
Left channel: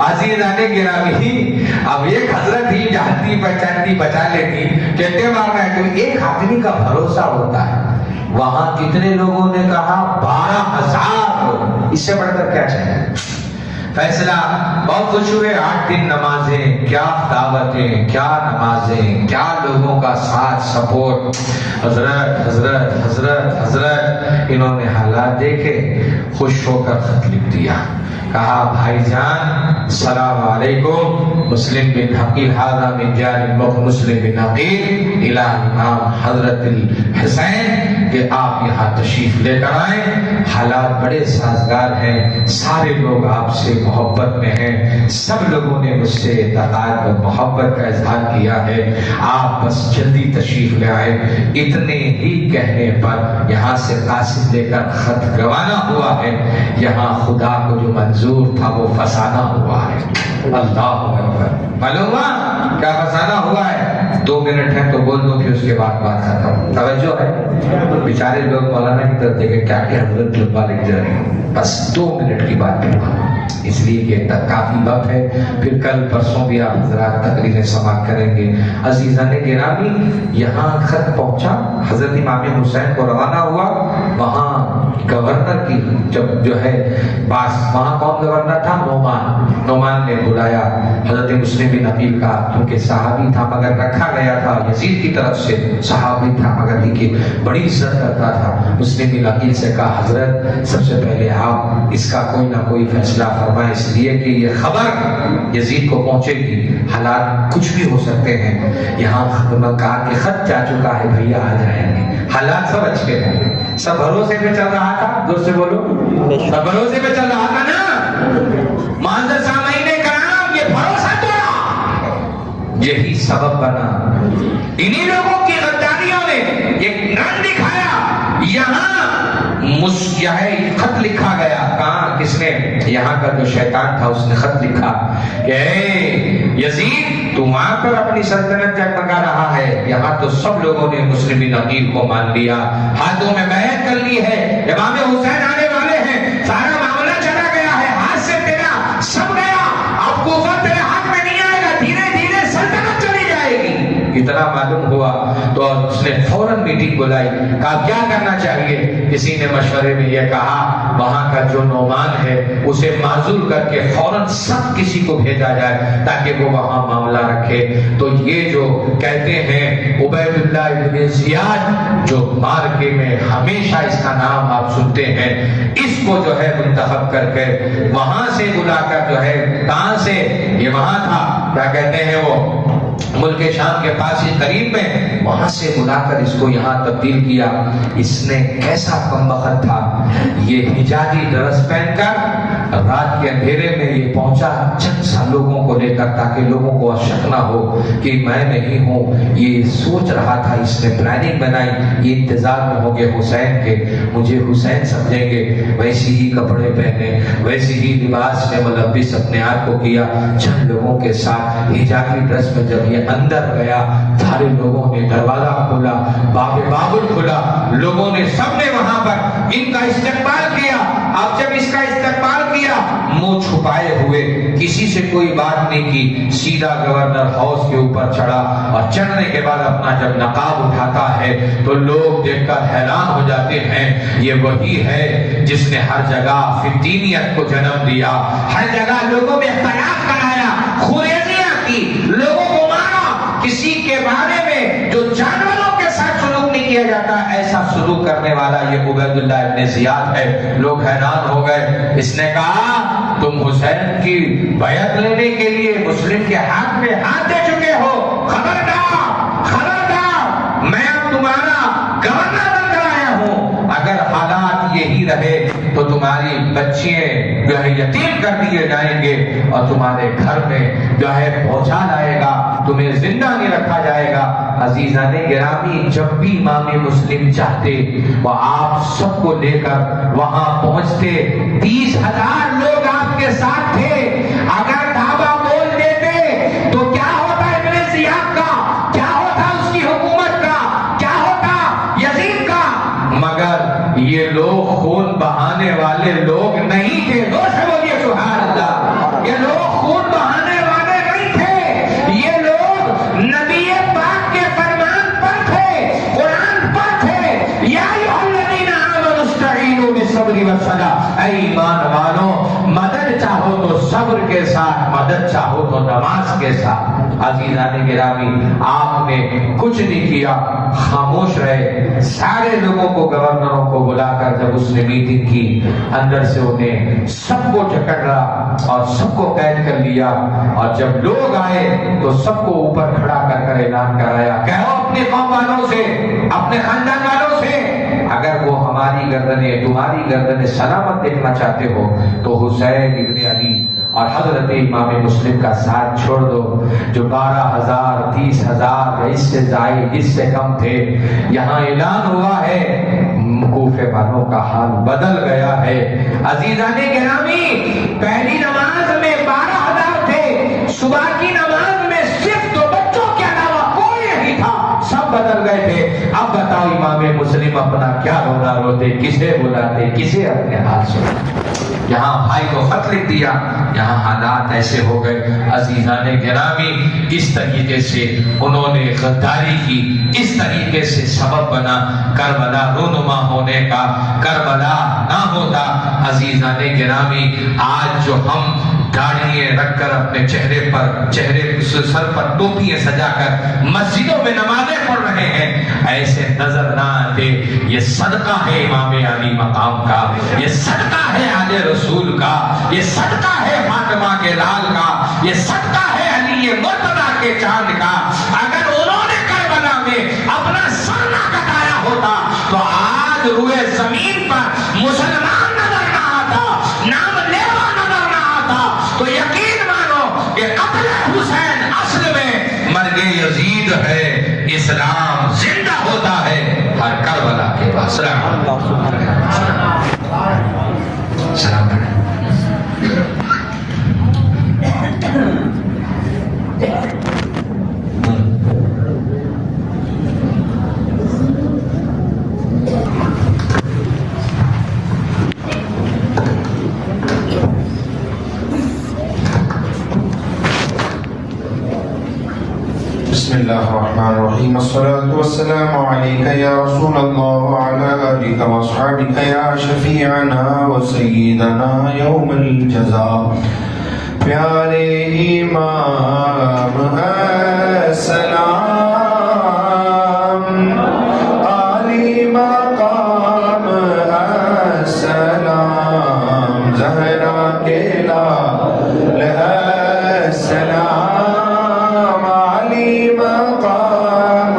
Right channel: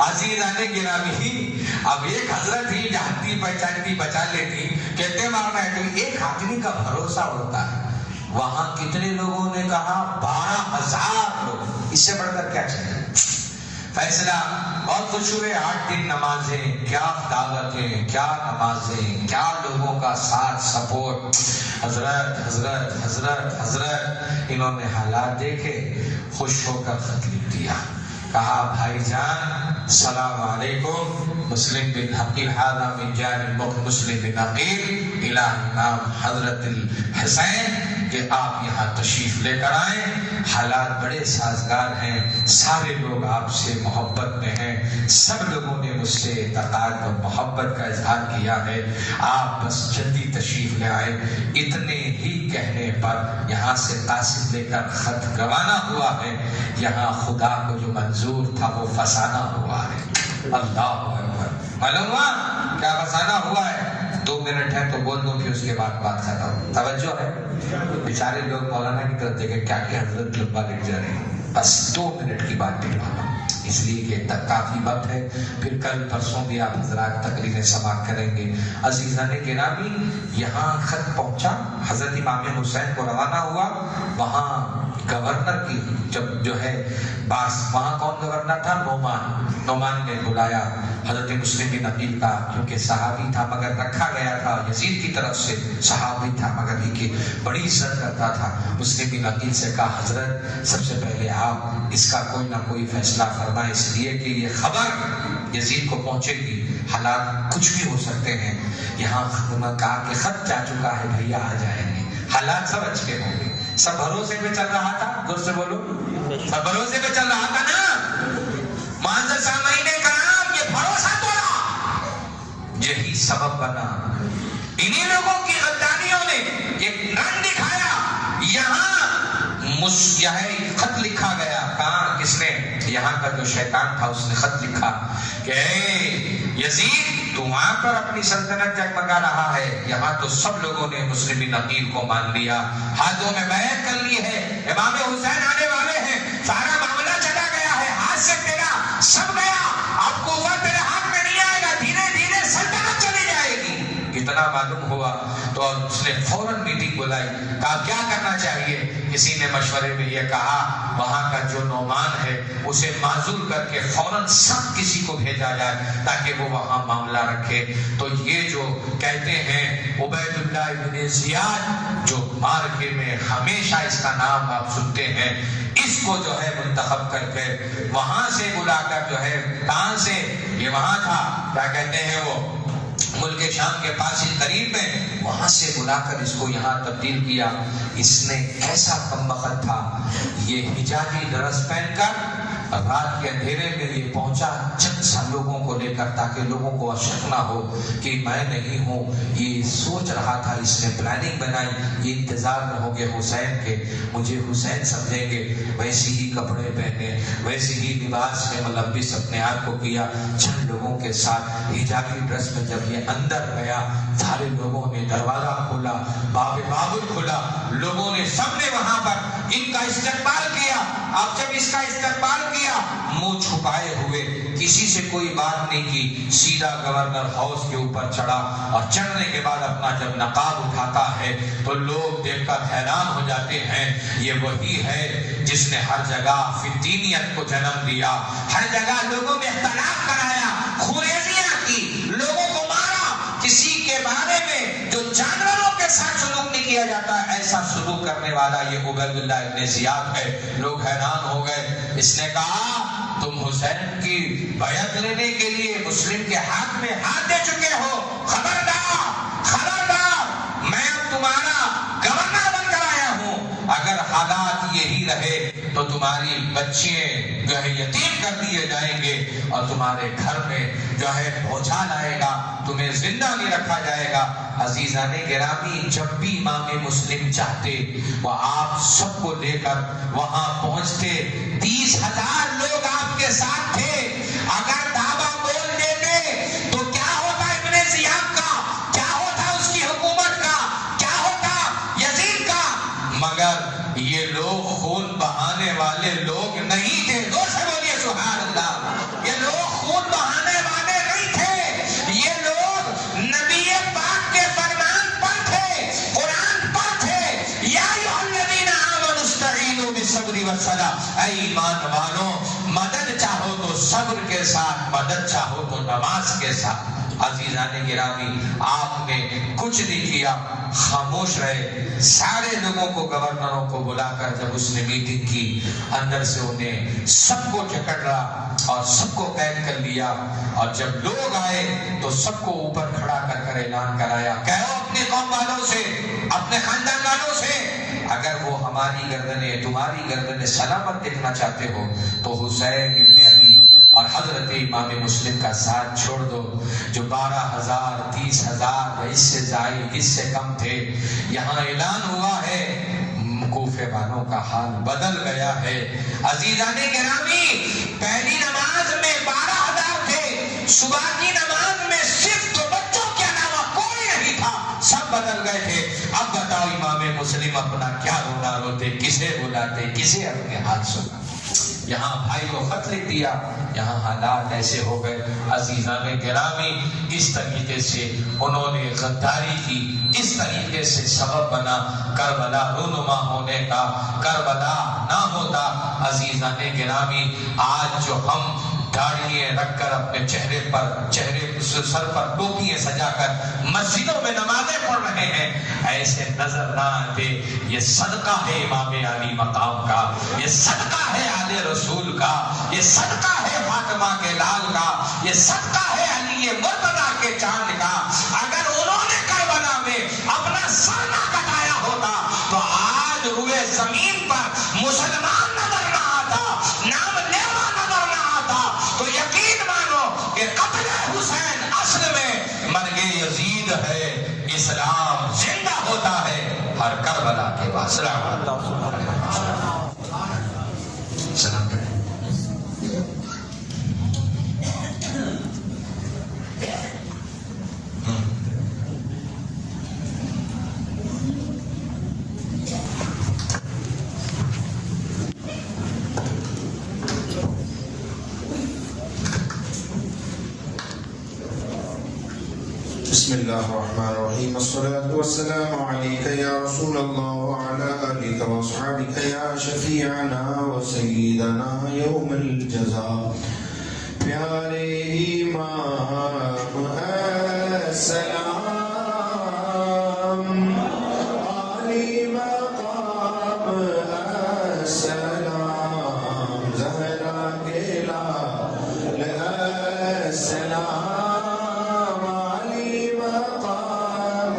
عزیزان گرامی، اب ایک حضرت ہی جانتی پہچانتی بچا لیتی، کہتے مارنا ہے تو ایک آدمی کا بھروسہ ہوتا ہے۔ وہاں کتنے لوگوں نے کہا؟ 12,000 لوگ، اس سے بڑھ کر کیا چاہیے؟ فیصلہ بہت خوش ہوئے۔ 8 دن نمازیں، کیا دعوتیں، کیا نمازیں، کیا لوگوں کا ساتھ سپورٹ۔ حضرت حضرت حضرت حضرت انہوں نے حالات دیکھے، خوش ہو کر خط لکھ دیا، کہا بھائی جان السلام علیکم، مسلم بن عقیل ھذا من جانب مسلم بن عقیل الى امام حضرت الحسین، کہ آپ یہاں تشریف لے کر آئیں، حالات بڑے سازگار ہیں، سارے لوگ آپ سے محبت میں ہیں، سب لوگوں نے مجھ سے اطاعت اور محبت کا اظہار کیا ہے، آپ بس جلدی تشریف لے آئیں۔ اتنے ہی کہنے پر یہاں سے قاصد لے کر خط روانہ ہوا ہے، یہاں خدا کو جو منظور تھا وہ فسانہ ہوا ہے۔ اللہ اکبر، معلوم ہوا کیا فسانہ ہوا ہے؟ 2 منٹ ہے تو بول دو، پھر اس کے بعد بات ختم. توجہ ہے؟ بیچارے لوگ مولانا کی طرف دیکھے کیا کہ حضرت لمبا لکھ جا رہے ہیں، بس 2 منٹ کی بات پھر اس لیے کہ تک کافی وقت ہے. پھر کل پرسوں بھی آپ حضرات تقریریں سماعت کریں گے. عزیزان گرامی، یہاں خط پہنچا، حضرت امام حسین کو روانہ ہوا. وہاں گورنر کی جب جو ہے وہاں کون گورنر تھا؟ نعمان نے بلایا حضرت مسلم بن عقیل کا، کیونکہ صحابی تھا مگر رکھا گیا تھا یزید کی طرف سے، صحابی تھا مگر یہ کہ بڑی عزت کرتا تھا. مسلم بن عقیل سے کہا حضرت سب سے پہلے آپ اس کا کوئی نہ کوئی فیصلہ فرمائیں، اس لیے کہ یہ خبر یزید کو پہنچے گی، حالات کچھ بھی ہو سکتے ہیں. یہاں کہا کہ خط جا چکا ہے بھیا آ جائیں گے. حالات سب اچھے ہیں، سب بھروسے پہ چل رہا تھا. دور سے بولو، سب بھروسے پہ چل رہا تھا نا. معزز سامعین کرام، یہ بھروسہ توڑا، یہی سبب بنا. انہی لوگوں کی غداریوں نے ایک رن دکھایا. یہاں خط لکھا گیا. کہاں؟ کس نے؟ یہاں کا جو شیطان تھا اس نے خط لکھا کہ اے یزید، تو وہاں پر اپنی سلطنت جگمگا رہا ہے، یہاں تو سب لوگوں نے مسلم بن عقیل کو مان لیا، ہاتھوں میں بیعت کر لی ہے، امام حسین آنے والے ہیں، سارا معاملہ چلا گیا ہے، ہاتھ سے تیرا سب گیا، اب کوفہ تیرے ہاتھ میں نہیں آئے گا، دھیرے دھیرے سلطنت چلی جائے گی. اتنا معلوم ہوا تو اس نے فوراً میٹنگ بلائی. کہا کیا کرنا چاہیے؟ کسی نے مشورے میں یہ کہا وہاں کا جو نعمان ہے اسے معزول کر کے فوراً سب کسی کو بھیجا جائے تاکہ وہ وہاں معاملہ رکھے. تو یہ جو کہتے ہیں عبید اللہ ابن زیاد، جو مارکے میں ہمیشہ اس کا نام آپ سنتے ہیں، اس کو جو ہے منتخب کر کے وہاں سے بلا کر جو ہے، کہاں سے؟ یہ وہاں تھا کیا کہتے ہیں وہ ملک شام کے پاس ہی قریب میں، وہاں سے بلا کر اس کو یہاں تبدیل کیا. اس نے کیسا کمبخت تھا، یہ حجازی ڈریس پہن کر رات کے اندھیرے میں یہ پہنچا چند سا لوگوں کو لے کر، تاکہ لوگوں کو شک نہ ہو کہ میں نہیں ہوں. یہ سوچ رہا تھا، اس نے پلاننگ بنائی، یہ انتظار میں ہو گئے حسین کے، مجھے حسین سمجھیں گے. ویسی ہی کپڑے پہنے، ویسی ہی لباس میں ملبس اپنے آپ کو کیا. چند لوگوں کے ساتھ حجازی ڈریس میں جب یہ اندر گیا، سارے لوگوں نے دروازہ کھولا، باب بابل کھلا، لوگوں نے سب نے وہاں پر ان کا استقبال کیا. اب جب اس کا استقبال کیا، منہ چھپائے ہوئے، کسی سے کوئی بات نہیں کی، سیدھا گورنر ہاؤس کے اوپر چڑھا، اور چڑھنے کے بعد اپنا جب نقاب اٹھاتا ہے تو لوگ دیکھ کر حیران ہو جاتے ہیں. یہ وہی ہے جس نے ہر جگہ فطینیت کو جنم دیا، ہر جگہ لوگوں میں اختلاف کرایا، خوریزیاں کی، لوگوں کو مارا. کسی کے بارے میں جو جانوروں کے ساتھ سلوک نہیں کیا جاتا، ایسا سلوک کرنے والا یہ عبید اللہ ابن زیاد ہے. لوگ حیران ہو گئے. اس نے کہا تم حسین کی بیعت لینے کے لیے مسلم کے ہاتھ میں ہاتھ دے چکے ہو، خبردار خبردار، میں اب تمہارا گورنر بن کر آیا ہوں. اگر حالات یہی رہے تو تمہاری بچیاں جو ہے یتیم کر دیے جائیں گے، اور تمہارے گھر میں جو ہے بھوچال آئے گا، تمہیں زندہ نہیں رکھا جائے گا. عزیزان گرامی، جب بھی امام مسلم چاہتے وہ آپ سب کو لے کر وہاں پہنچتے. 30,000 لوگ آپ کے ساتھ تھے. اگر دعویٰ بول دیتے تو کیا ہوتا ابن زیاد کا، کیا ہوتا اس کی حکومت کا، کیا ہوتا یزید کا. مگر یہ لوگ خون بہانے والے لوگ نہیں تھے. دو سے بولیے سبحان اللہ. یہ لوگ خون بہانے والے نہیں تھے، یہ لوگ نبی پاک کے فرمان پر تھے، قرآن پر تھے. یا ایھا الذین آمنوا استعینوا بالصبر والصلاۃ. اے ایمان والو، مدد چاہو تو صبر کے ساتھ، مدد چاہو تو نماز کے ساتھ. عزیزان گرامی، آپ نے کچھ نہیں کیا، خاموش رہے. سارے لوگوں کو، گورنروں کو بلا کر جب اس نے میٹنگ کی، اندر سے انہیں سب کو جکڑا اور سب کو قید کر لیا. اور جب لوگ آئے تو سب کو اوپر کھڑا کر کر اعلان کرایا، کہو اپنے قوم والوں سے، اپنے خاندان والوں سے، اگر وہ ہماری گردنیں، تمہاری گردنیں سلامت دیکھنا چاہتے ہو تو حسین ابن علی اور حضرت امام مسلم کا ساتھ چھوڑ دو. جو 12,000 30,000 اس سے زائد، اس سے کم تھے. یہاں اعلان ہوا ہے، کوفے والوں کا حال بدل گیا ہے. عزیزان گرامی، پہلی نماز میں 12,000 تھے، صبح کی نماز میں صرف 2 بچوں کے علاوہ کوئی بدل گئے تھے. اب بتاؤ امام مسلم اپنا کیا رونا روتے, کسے بلاتے, کسے اپنے ہاتھ سے. یہاں بھائی کو خط لکھ دیا, یہاں حالات ایسے ہو گئے. عزیزان گرامی, اس طریقے سے انہوں نے غداری کی, اس طریقے سے سبب بنا کربلا رونما ہونے کا. کربلا نہ ہوتا عزیزان گرامی, آج جو ہم داڑھیاں رکھ کر اپنے چہرے سر پر ٹوپیاں سجا کر مسجدوں میں نمازیں پڑھ رہے ہیں, ایسے نظر نہ آتے. یہ صدقہ ہے امام علی مقام کا, یہ صدقہ ہے آل رسول کا, یہ صدقہ ہے فاطمہ کے لال کا, یہ صدقہ ہے علی مرتضیٰ کے چاند کا. اگر انہوں نے کربلا میں اپنا سر نہ کٹایا ہوتا تو آج روئے زمین پر مسلمان نظر نہ آتا, نام لیوا نظر نہ آتا. تو یقین مانو کہ قتل حسین اصل میں مرگ یزید ہے, اسلام زندہ ہوتا ہے ہر کربلا کے پاس. سلام علیکم. بسم الله الرحمن الرحيم. الصلاة والسلام عليك يا رسول الله وعلى آلك وأصحابك يا شفيعنا وسيدنا يوم الجزاء. پیارے امام السلام, علی مقام السلام, زہرا کے لال السلام, علی مقام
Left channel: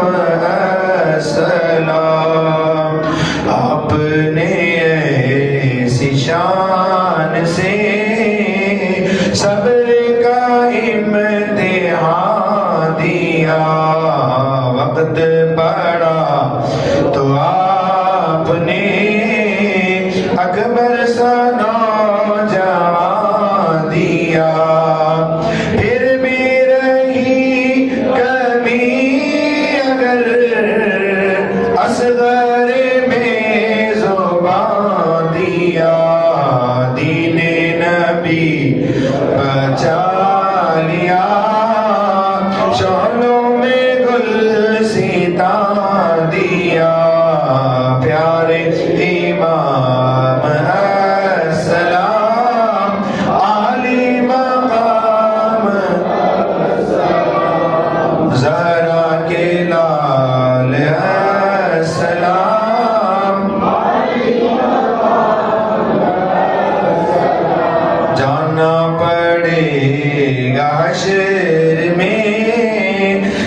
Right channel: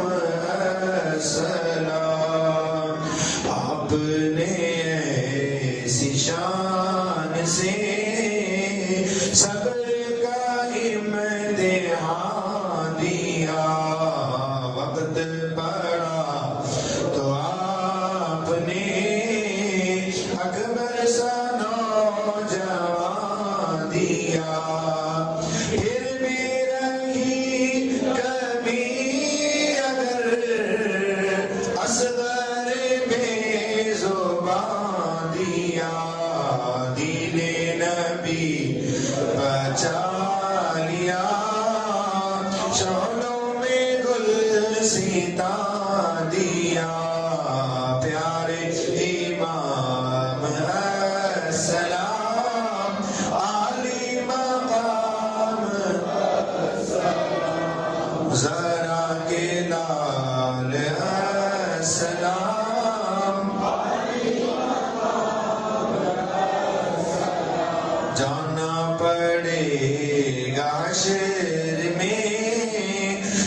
السلام. آپ نے ایسی شان سے صبر کا امتحان دیا, وقت پڑا تو آپ نے اکبر سا نوجوان دیا. پھر بھی رہی کمی اگر اصغر میں زبان دیا, دین نبی بچا لیا, شعلوں میں گل سیتان دیا. پیارے امام السلام, علی مقام زہرا کے لال السلام. جانا پڑے گا حشر میں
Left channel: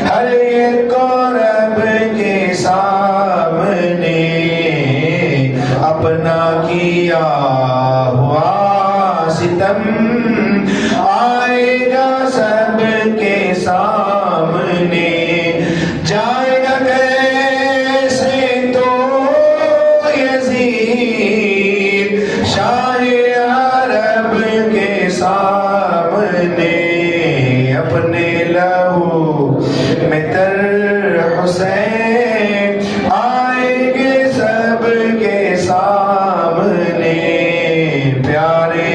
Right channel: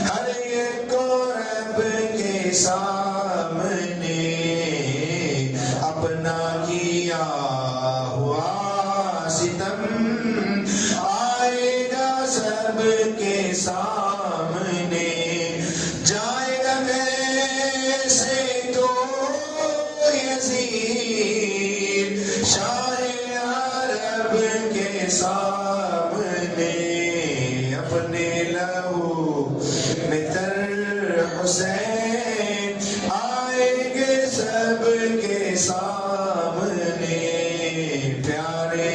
ہر ایک کو رب کے سامنے, اپنا کیا ہوا ستم آئے گا سب کے سامنے. جائے گا کیسے تو یزید شاہ عرب کے سامنے, اپنے لہو میں تر حسین آئیں گے سب کے سامنے. پیارے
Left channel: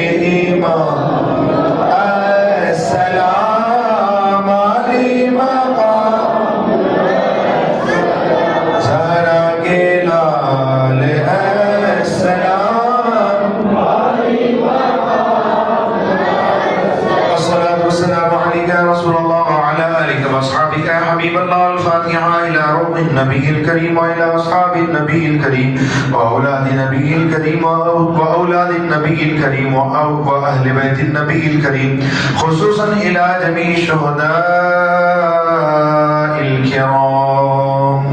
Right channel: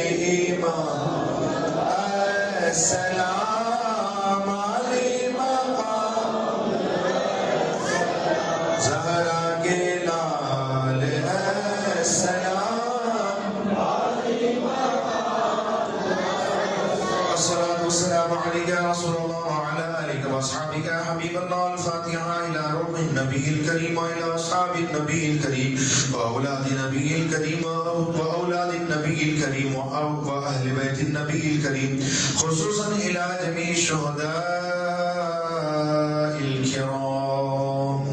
امام السلام, علی مقام زہرا کے لال السلام. الصلاة والسلام عليك يا رسول الله وعلى آلك وأصحابك يا حبيب الله. الفاتحة إلى روح النبي الكريم وإلى أصحاب النبي الكريم وأولاد النبي الكريم وأولاد النبي الكريم وأهل بيت النبي الكريم, خصوصا إلى جميع الشهداء الكرام.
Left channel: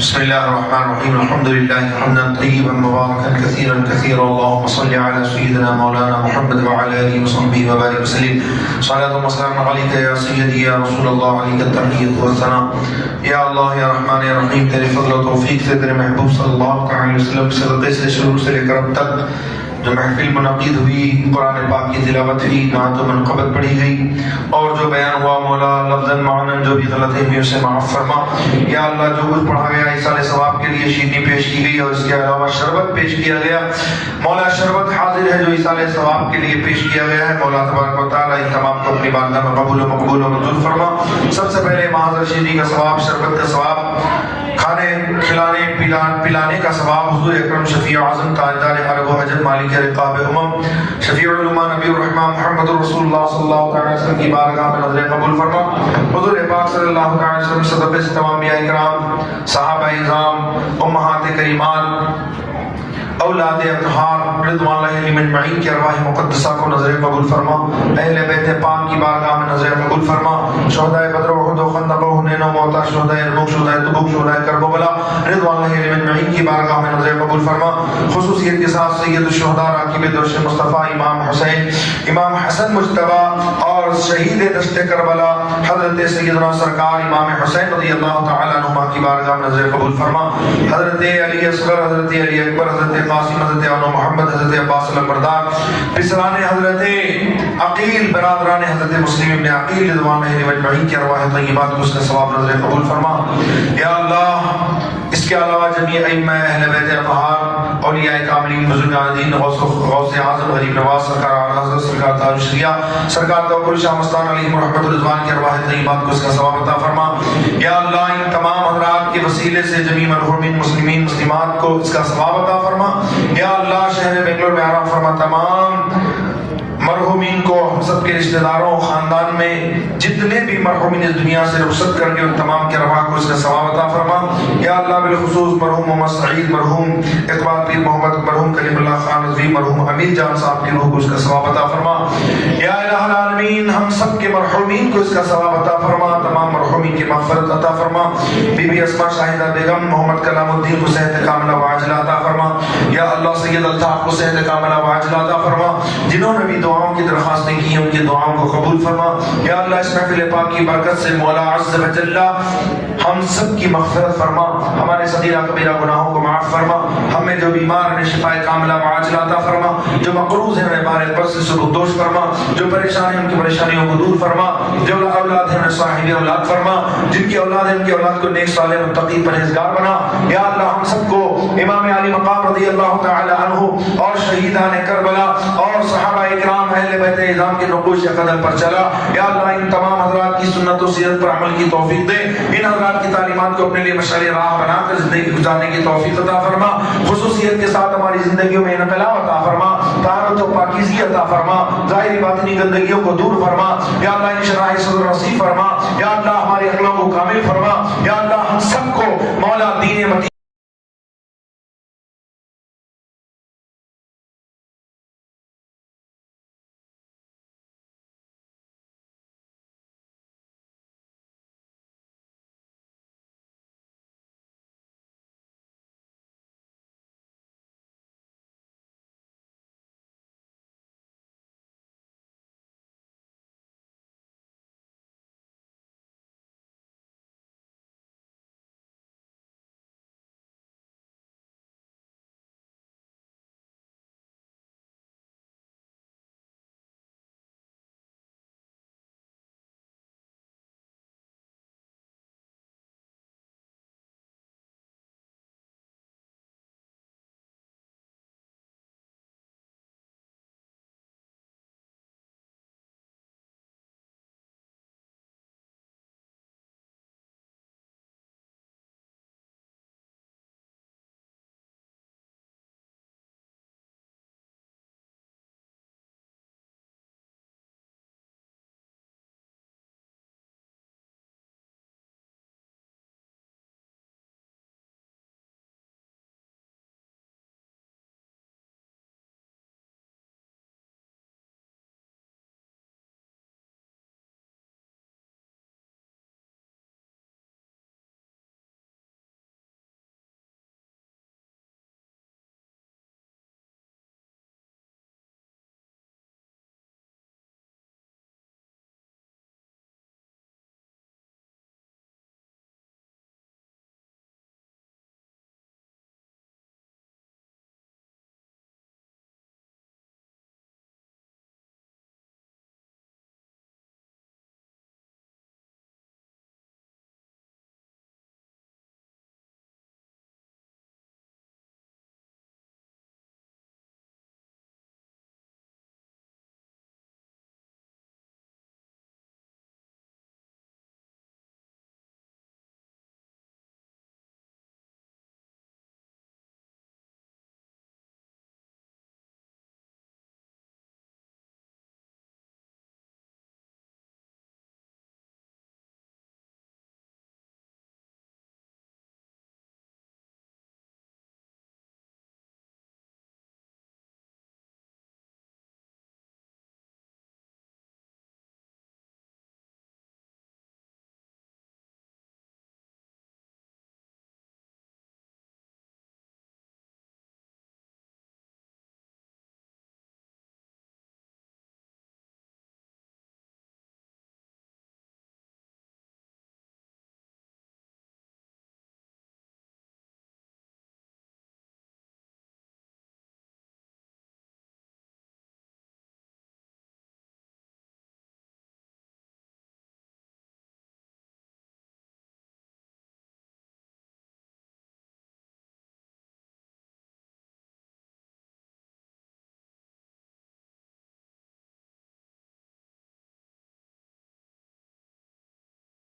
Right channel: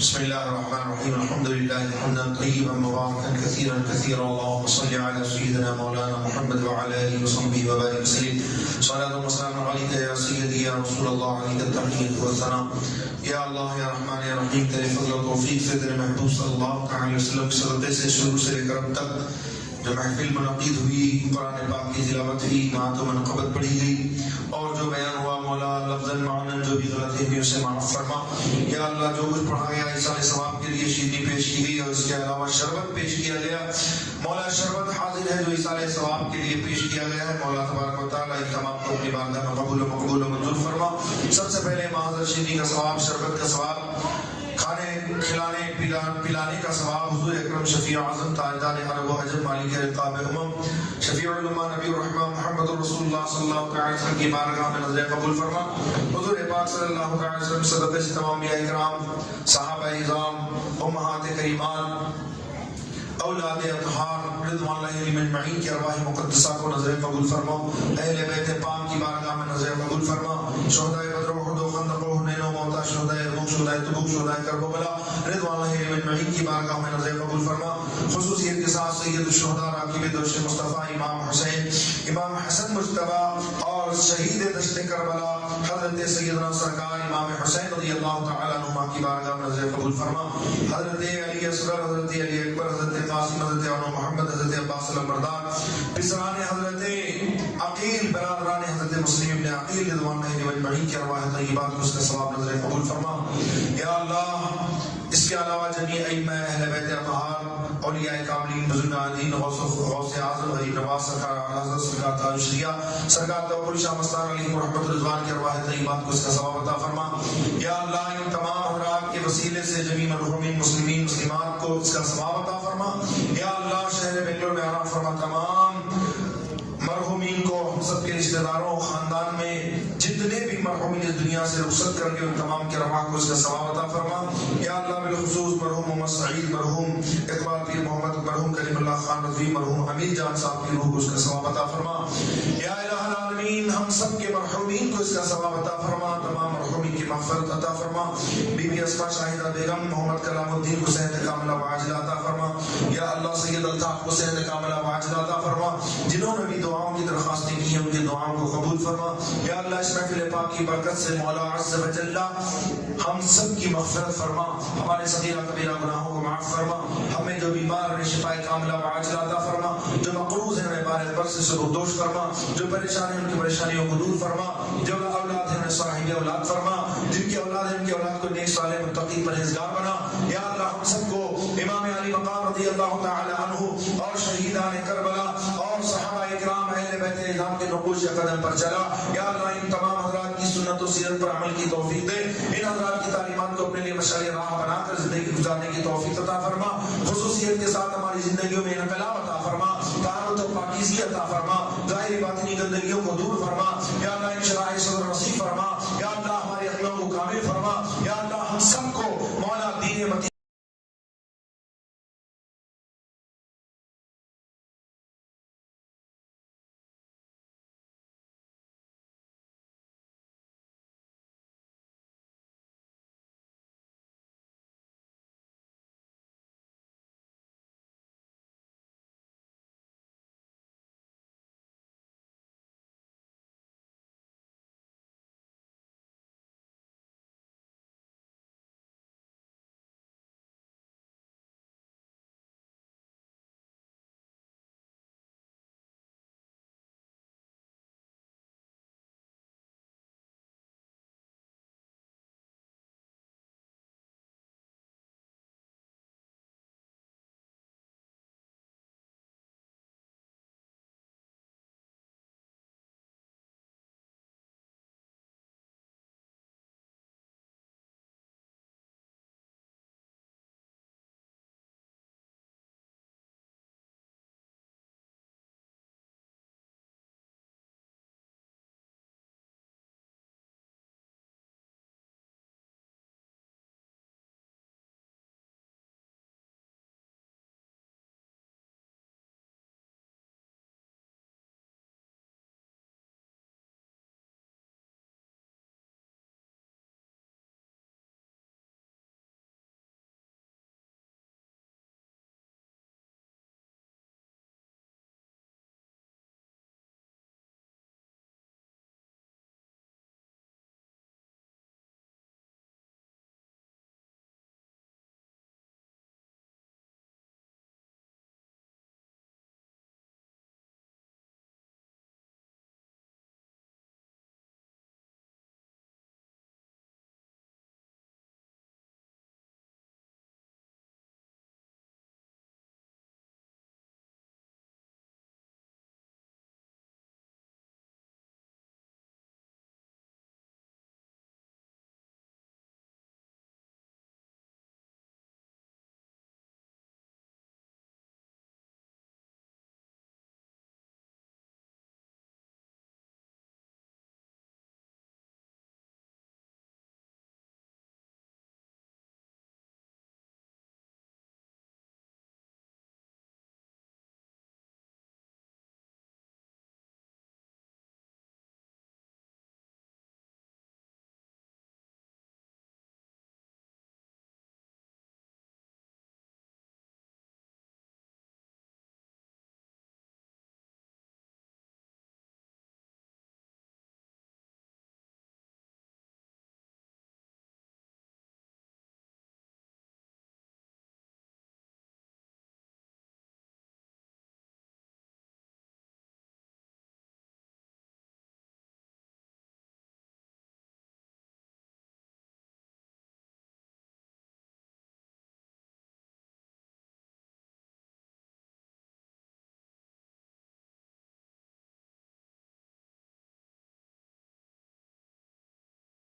بسم بسم الله الرحمن الرحيم الحمد لله حمدا طيبا مباركا كثيرا كثيرا اللهم صل على سيدنا مولانا محمد وعلى اله وصحبه وبارك وسلم صلاة وسلام عليك يا سيدي يا رسول الله عليك التحية والثناء یا اللہ یا رحمان یا رحیم تیرے فضل و توفیق سے تیرے محبوب صلی اللہ علیہ وسلم کے صدقے سے شروع سے لے کر اب تک جو محفل منعقد ہوئی قرآن پاک کی تلاوت ہوئی نعت و منقبت پڑھی گئی اور جو بیان ہوا مولا لفظاً معناً جو بھی غلطی ہوئی اسے معاف فرما یا اللہ جو کچھ پڑھا گیا ایصال ثواب کے لیے شیرنی پیش کی گئی اور اس کے علاوہ شربت پیش کیا گیا مولا شربت حاضر ہے جو ایصال ثواب کے لیے پیش کیا گیا ہے مولا تبارک و تعالیٰ ان تمام کو اپنی بارگاہ میں قبول و مقبول و منظور فرما سب سے پہلے معاذ شیرنی کا ثواب شربت کا ثواب کھانے کھلانے پلانے کا ثواب حضور اکرم شفیع اعظم تاجدار عرب و عجم مالک رقاب شفیع علماء نبی الرحمہ محمد رسول اللہ صلی اللہ علیہ وسلم کی بارگاہ میں نظر قبول فرما حضور پاک صلی اللہ علیہ وسلم صدقے سے تمام انبیاء کرام صحابہ اعظام امہات کریمان اولاد اطہار رضوان اللہ علیہم اجمعین کی ارواح مقدسہ کو نظر قبول فرما اہل بیت پاک کی بارگاہ میں نظر قبول فرما شہداء بدر و احد و خندق و حنین و موتا شہداء یرموک شہداء تبوک شہداء کربلا رضوان اللہ علیہم اجمعین کی بارگاہ میں نظر قبول فرما خصوصیت کے ساتھ سید الشہداء راکب درش مصطفیٰ امام حسین امام حسن مجتبی اور شہید دشت کربلا حضرت سیدنا سرکار امام حسین رضی اللہ تعالیٰ عنہ کی بارگاہ میں نظر قبول فرما حضرت علی اصغر حضرت علی اکبر حضرت قاسم حضرت عنو محمد حضرت عباس البردار پسران حضرت عقیل برادران حضرت مسلم ابن عقیل رضوان اللہ علیہ اجمعین کی ارواح طیبات کو اس کا ثواب نظر قبول فرما یا اللہ اس کے علاوہ جمیع ائمہ اہل بیت اطہار اولیاء کاملین بزرگان دین غوث اعظم غریب نواز سرکار اعلیٰ حضرت سرکار تاج شریعہ سرکار توکل شاہ مستان علیہ رحمت الرضوان کی ارواح طیبات کو اس کا ثواب عطا فرما یا اللہ ان تمام حضرات کے وسیلے سے جمیع مرحومین مسلمین مسلمات کو اس کا ثواب عطا فرما یا اللہ شہر بنگلور میں آرام فرما تمام مرحومین کو ہم سب کے رشتہ داروں خاندان میں جتنے بھی مرحومین اس دنیا سے رخصت کر کے ان تمام کے ارواح کو اس کا ثواب عطا فرما یا اللہ بالخصوص مرحوم محمد سعید مرحوم اقبال پیر محمد مرحوم کلیم اللہ خان رضوی مرحوم امیر جان صاحب کی روح کو اس کا ثواب عطا فرما یا الہ العالمین ہم سب کے مرحومین کو اس کا ثواب عطا فرما تمام مرحومین کی مغفرت عطا فرما بی بی اسماء شاہدہ بیگم محمد کلام الدین کو صحت کاملہ وعاجلہ عطا فرما یا اللہ سید الطاف کو صحت کاملہ وعاجلہ عطا فرما جنہوں نے بھی دعاؤں کی درخواستیں کی ہیں ان کی دعاؤں کو قبول فرما یا اللہ اس محفل پاک کی برکت سے مولا عز و جل ہم سب کی مغفرت فرما ہمارے صغیرہ کبیرہ گناہوں کو معاف فرما ہمیں جو بیمار ہیں شفاء کاملہ وعاجلہ عطا فرما جو مقروض ہیں ہمیں بار قرض سے سبکدوش فرما جو پریشان ہیں ان کی پریشانیوں کو دور فرما جو اولاد ہیں انہیں صاحب اولاد فرما جن کی اولاد ہیں ان کی اولاد کو نیک صالح متقی پرہیزگار بنا یا اللہ ہم سب کو امام علی مقام رضی اللہ تعالی عنہ اور شہیدان کربلا اور صحابہ اکرام اہل بیت اعظام کے نقوش قدم پر چلا یا اللہ ان تمام حضرات کی سنت و سیرت پر عمل کی توفیق دے ان حضرات کی تعلیمات کو اپنے لیے مشعل راہ بنا کر زندگی گزارنے کی توفیق عطا فرما خصوصیت کے ساتھ ہماری زندگیوں میں انقلاب عطا فرما طہارت و پاکیزگی عطا فرما ظاہری باطنی گندگیوں کو دور فرما یا اللہ ان شرائع صدر نصیب فرما یا اللہ ہمارے عقلوں کو کامل فرما یا اللہ ہم سب کو مولا دین متین